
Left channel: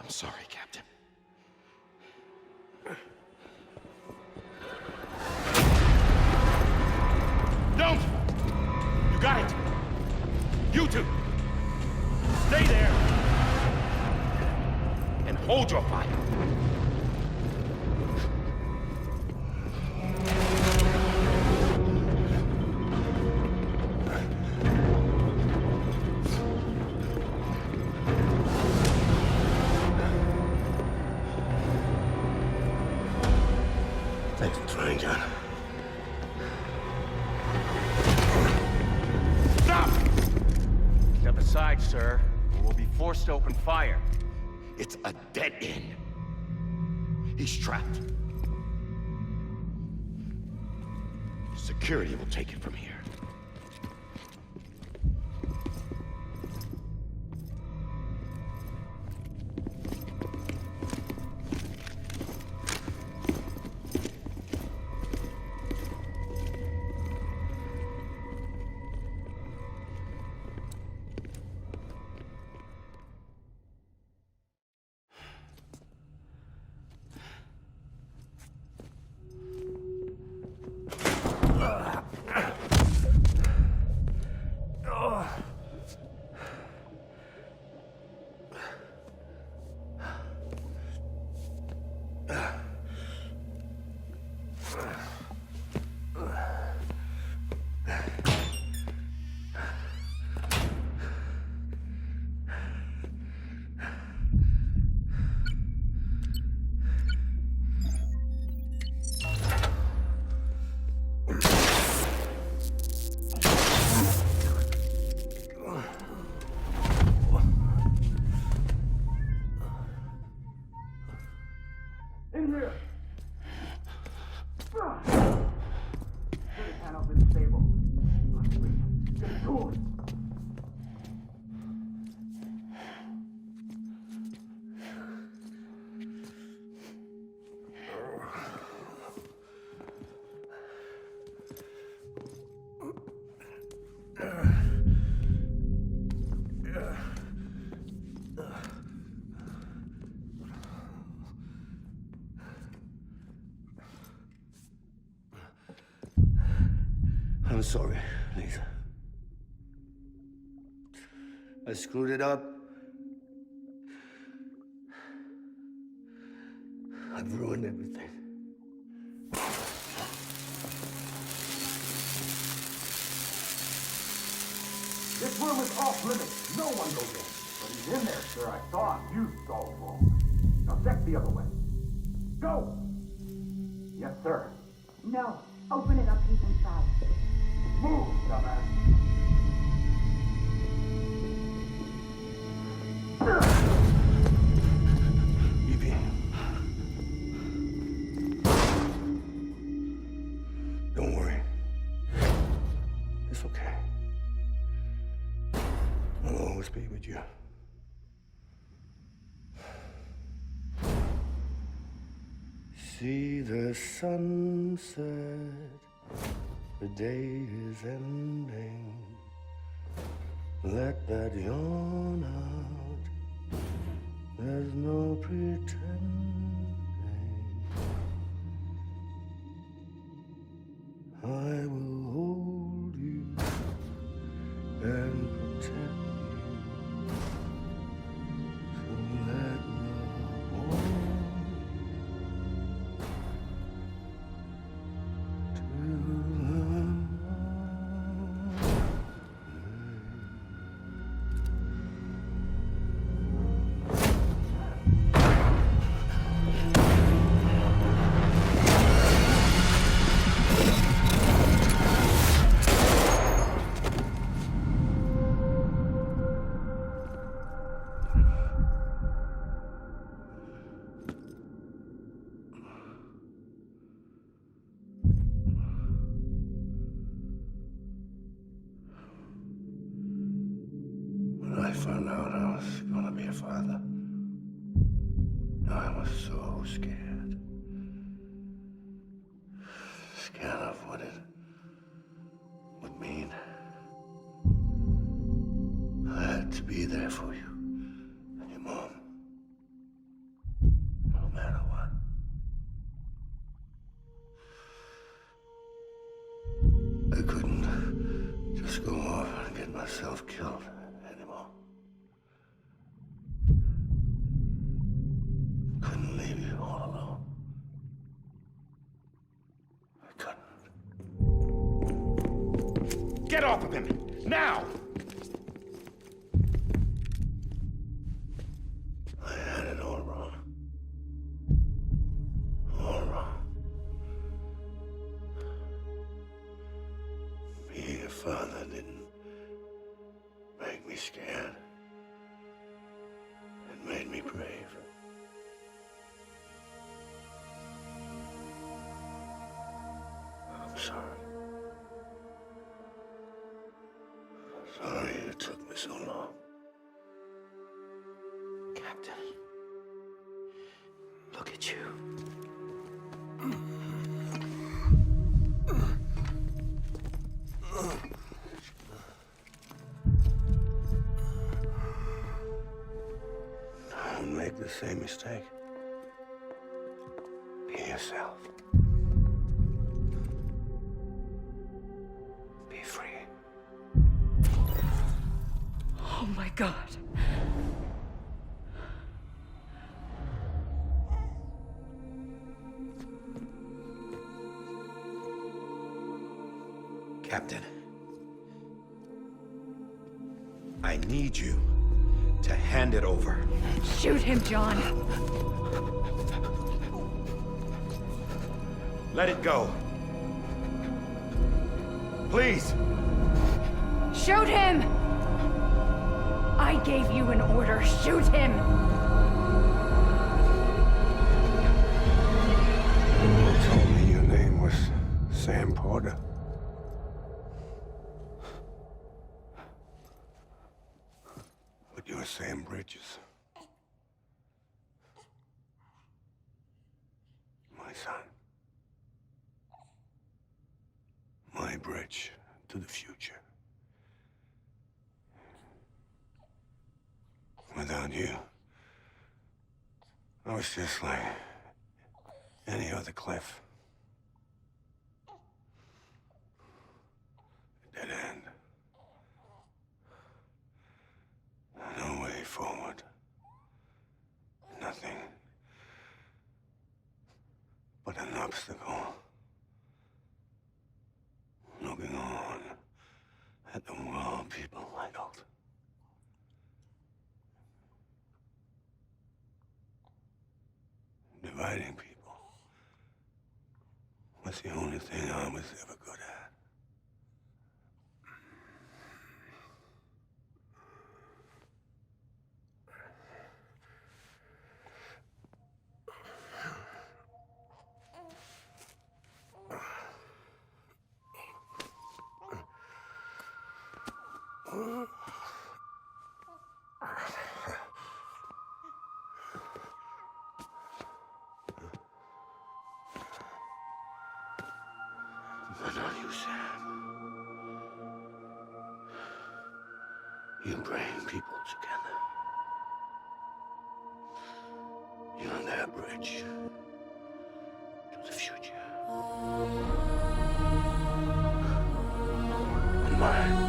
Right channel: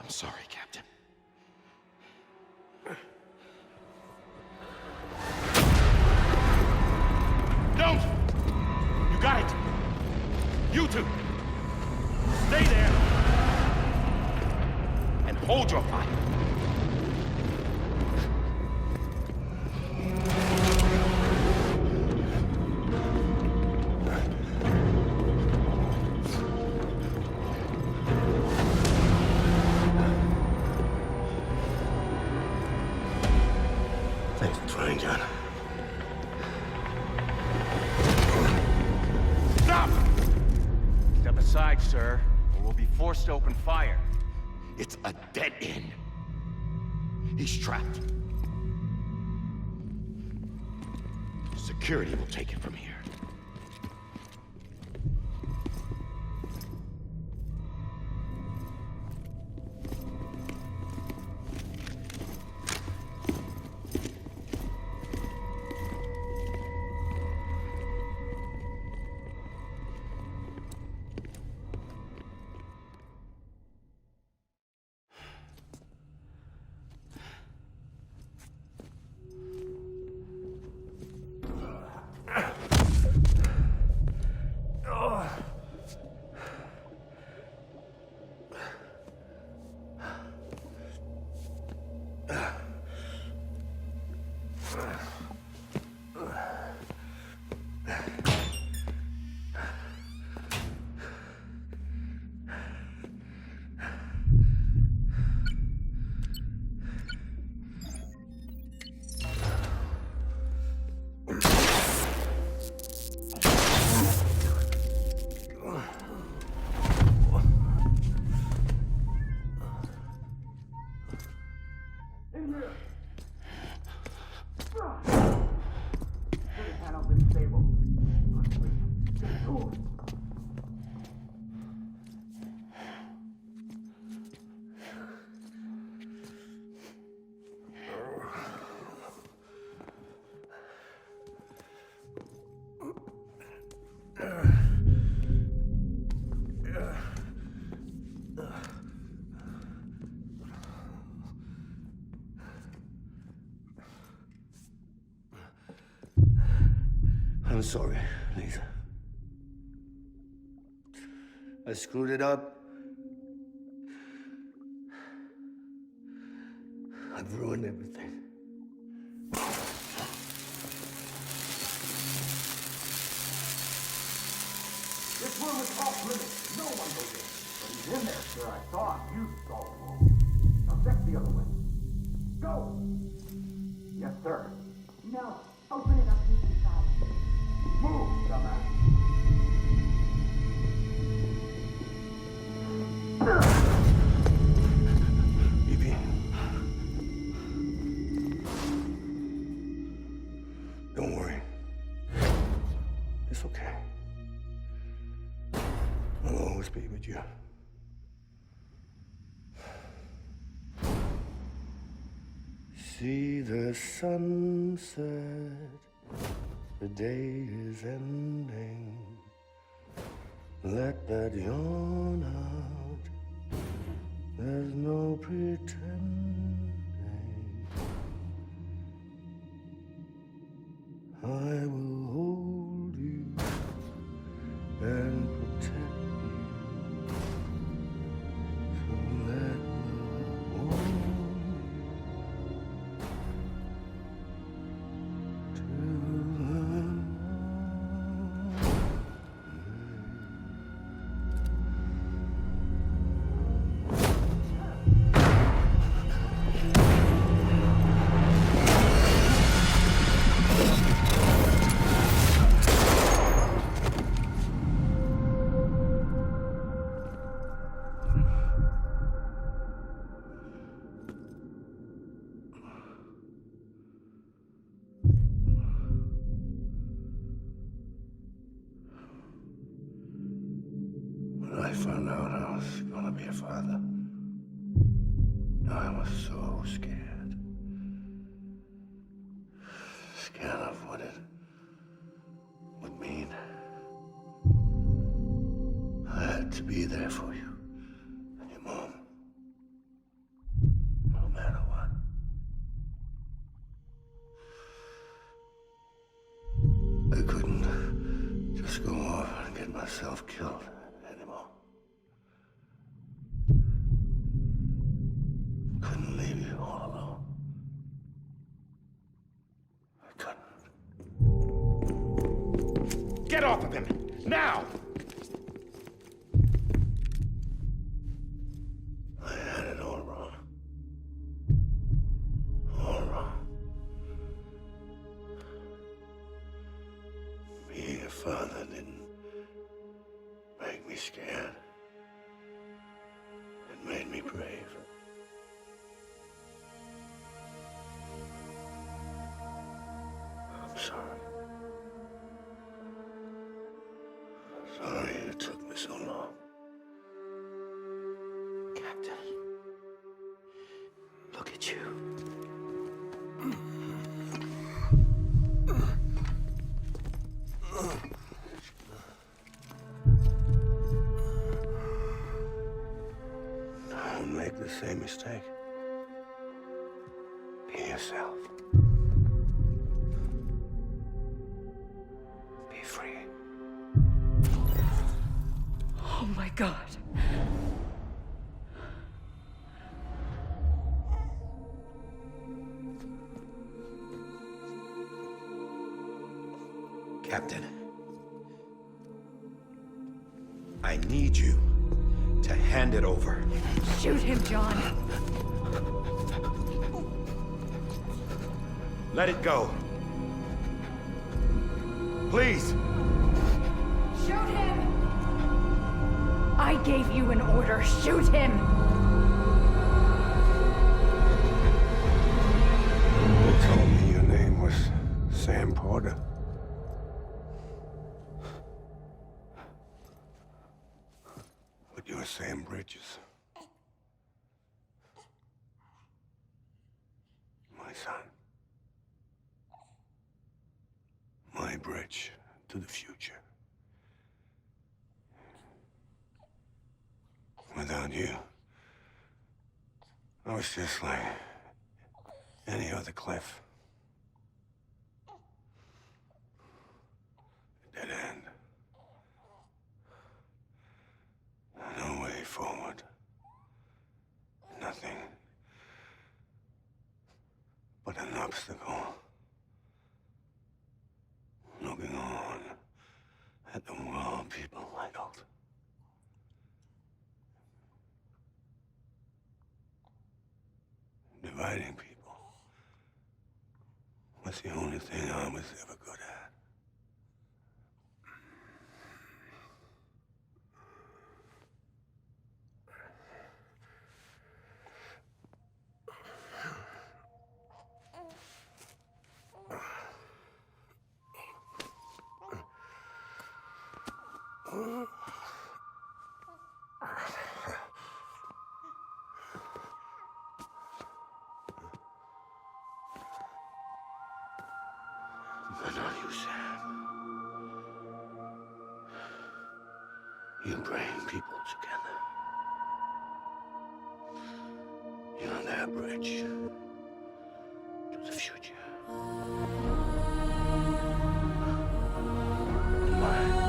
I'm sorry, Captain. Don't! You got it! You two! Stay there! And hold your fire! Thanks for trying, John. Stop! Step aside, sir, or we'll be forced to open fire. It's a dead end. He's trapped. Security will take it from here. here! Hand up in stable. Get to it. I'm sorry, Lisa. I screwed it up. I've ruined everything. This room is off limits. No one goes in. But he's in there, sir. I saw him. You stalled wrong. Now check the other way. Go! Yes, sir. No. Open it up. He's inside. Move, dumbass. BB. Don't worry. It's okay. I'll always be with you. See the sunset, the day is ending. Let that yawn out, there's no pretending. I will hold you and protect you. So let love warm you to the When I found out I was gonna be a father, I was so scared. Scared of what it would mean. I had to be there for you and your mom, no matter what. I couldn't just go off and get myself killed anymore. Couldn't leave you all alone. I couldn't. Get off of him! Now! I had it all wrong. All wrong. Being a father didn't make me scared. It made me brave. I'm sorry. Sorry it took me so long. Captain, look at you. Don't make the same mistake. Be yourself. Be free. Oh my God. Captain, I need you to hand it over. Shoot him, John. Let it go. Please. Shoot him! I gave you an order. Shoot him! same bridges. My son. My bridge to the future. Without you, I was just like any other Cliff. A dead end. No way forward. Nothing but an obstacle. Looking on at the world people idled. Dividing people was the only thing I was ever good at. But not you, Sam. You bring people together. You're on that bridge to the future. And mine.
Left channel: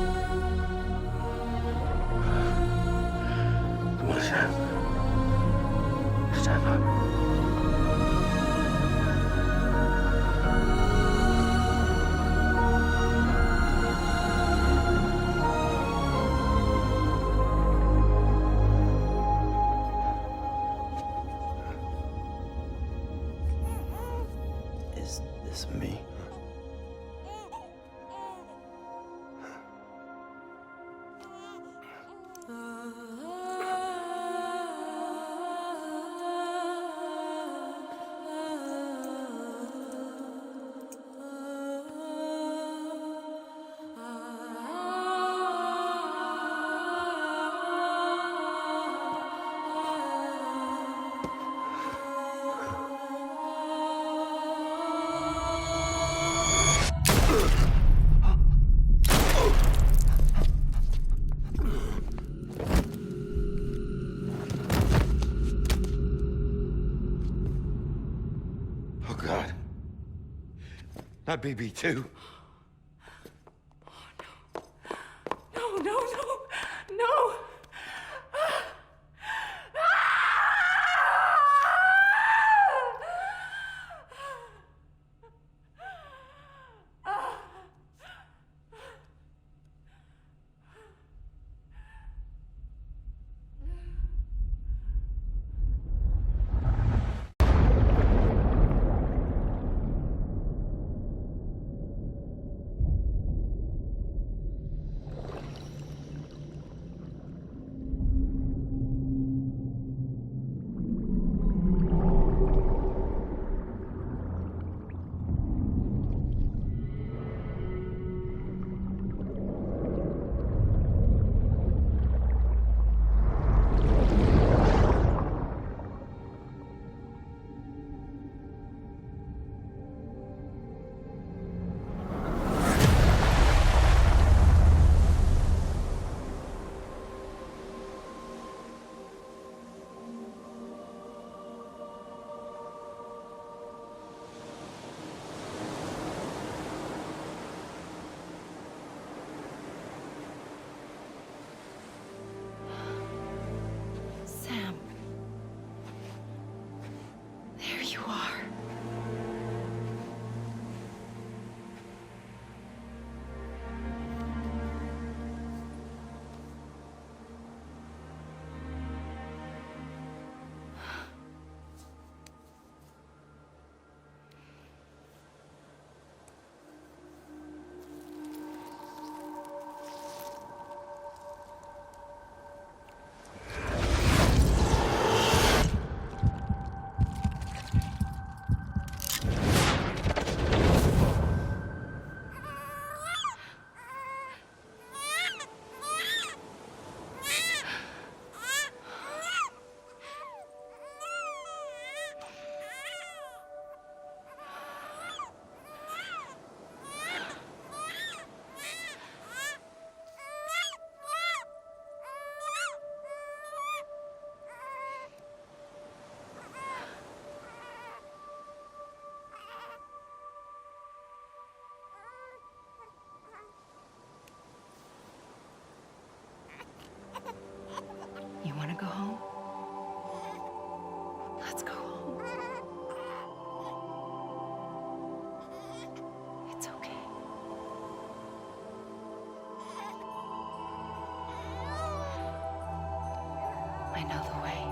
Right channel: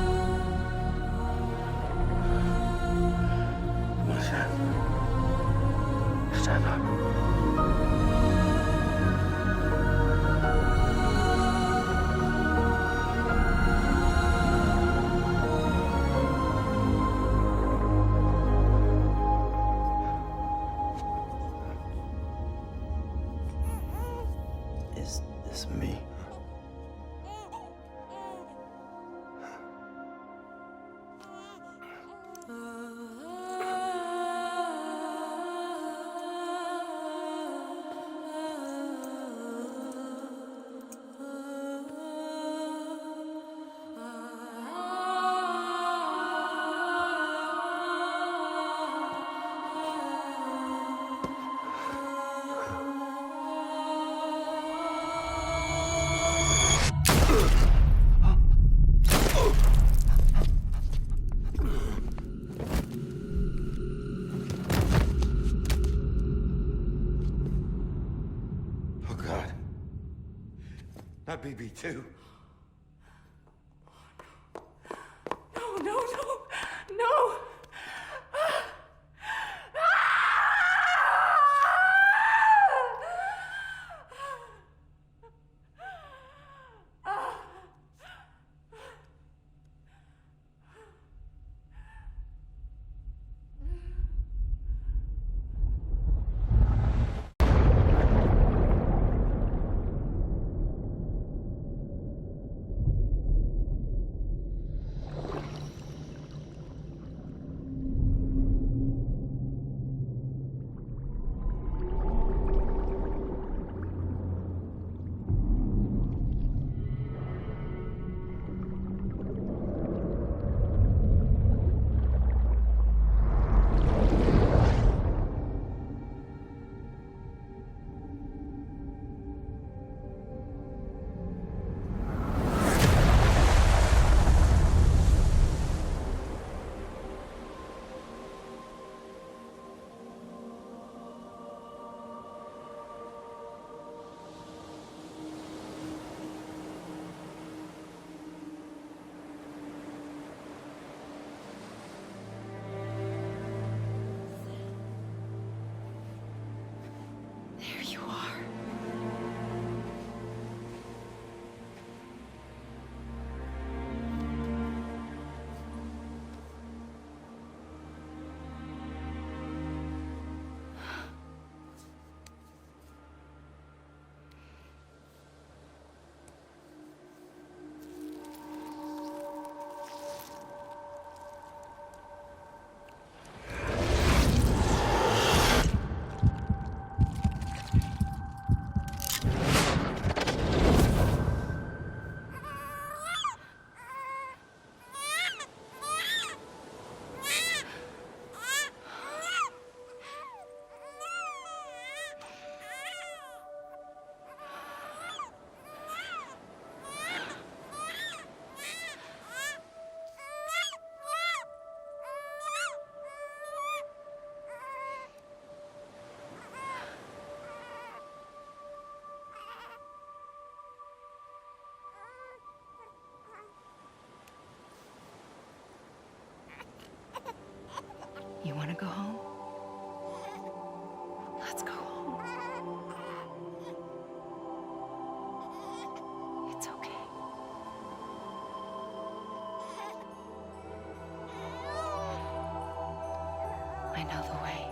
Come on, Sam. Stand up. Is this me? Oh, God. Not BB2. No, no, no, no! know the way.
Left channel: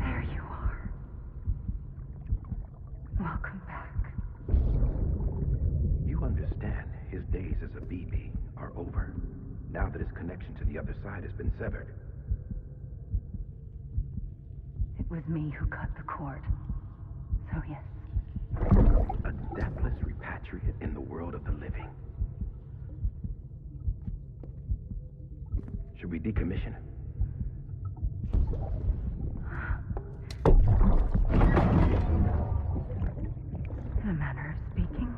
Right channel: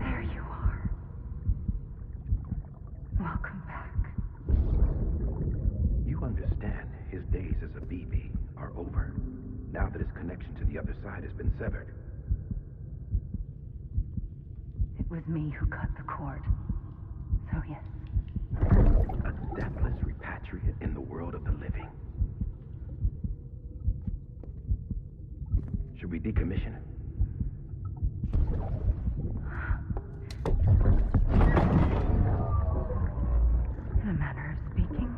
There you are. Welcome back. You understand his days as a BB are over, now that his connection to the other side has been severed. It was me who cut the cord. So yes. A deathless repatriate in the world of the living. Should we decommission him? In a manner of speaking.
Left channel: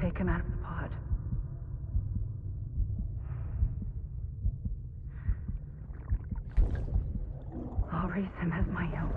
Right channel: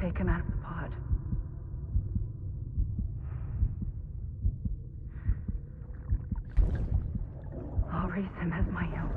Take him out of the pod. I'll raise him as my own.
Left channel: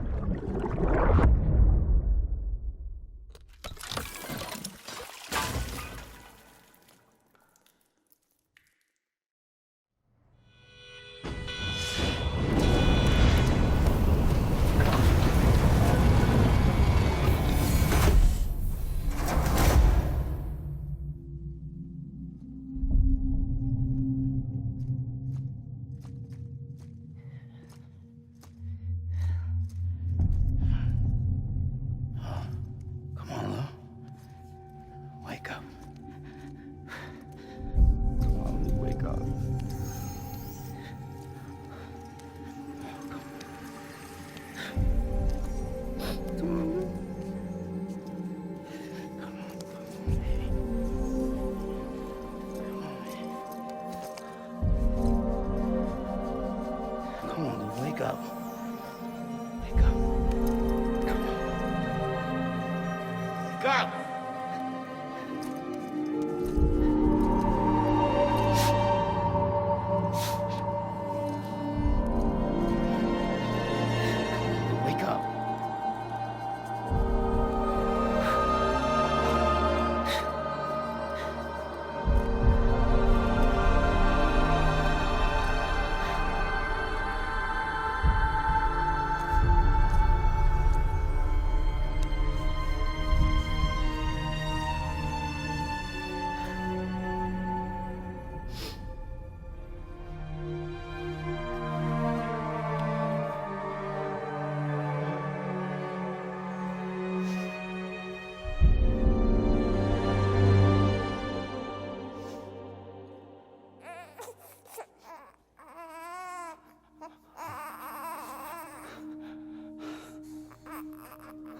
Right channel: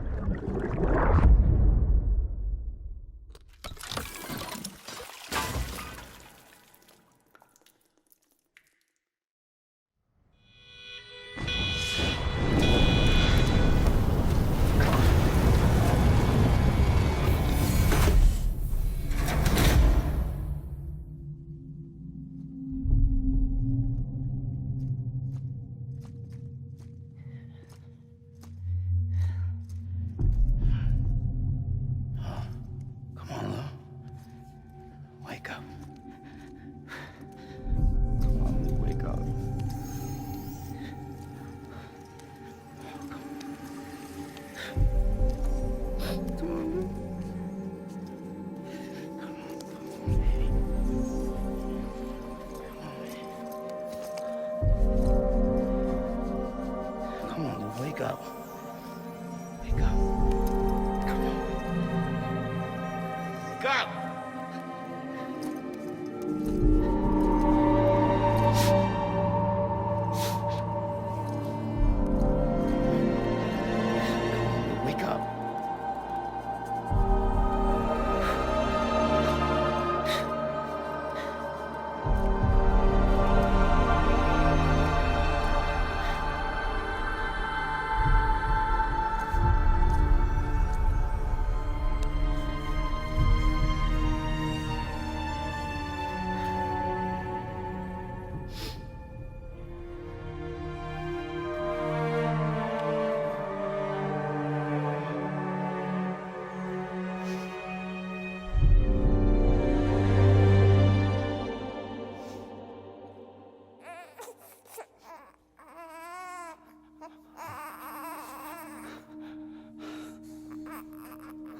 Come on, Lou. Wake up. Come on, Lou, wake up. Come on, Lou. Come on, Lou, wake up. Wake up. Come on. Wake up! Come on, Lou, wake up.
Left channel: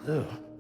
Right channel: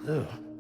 Lou.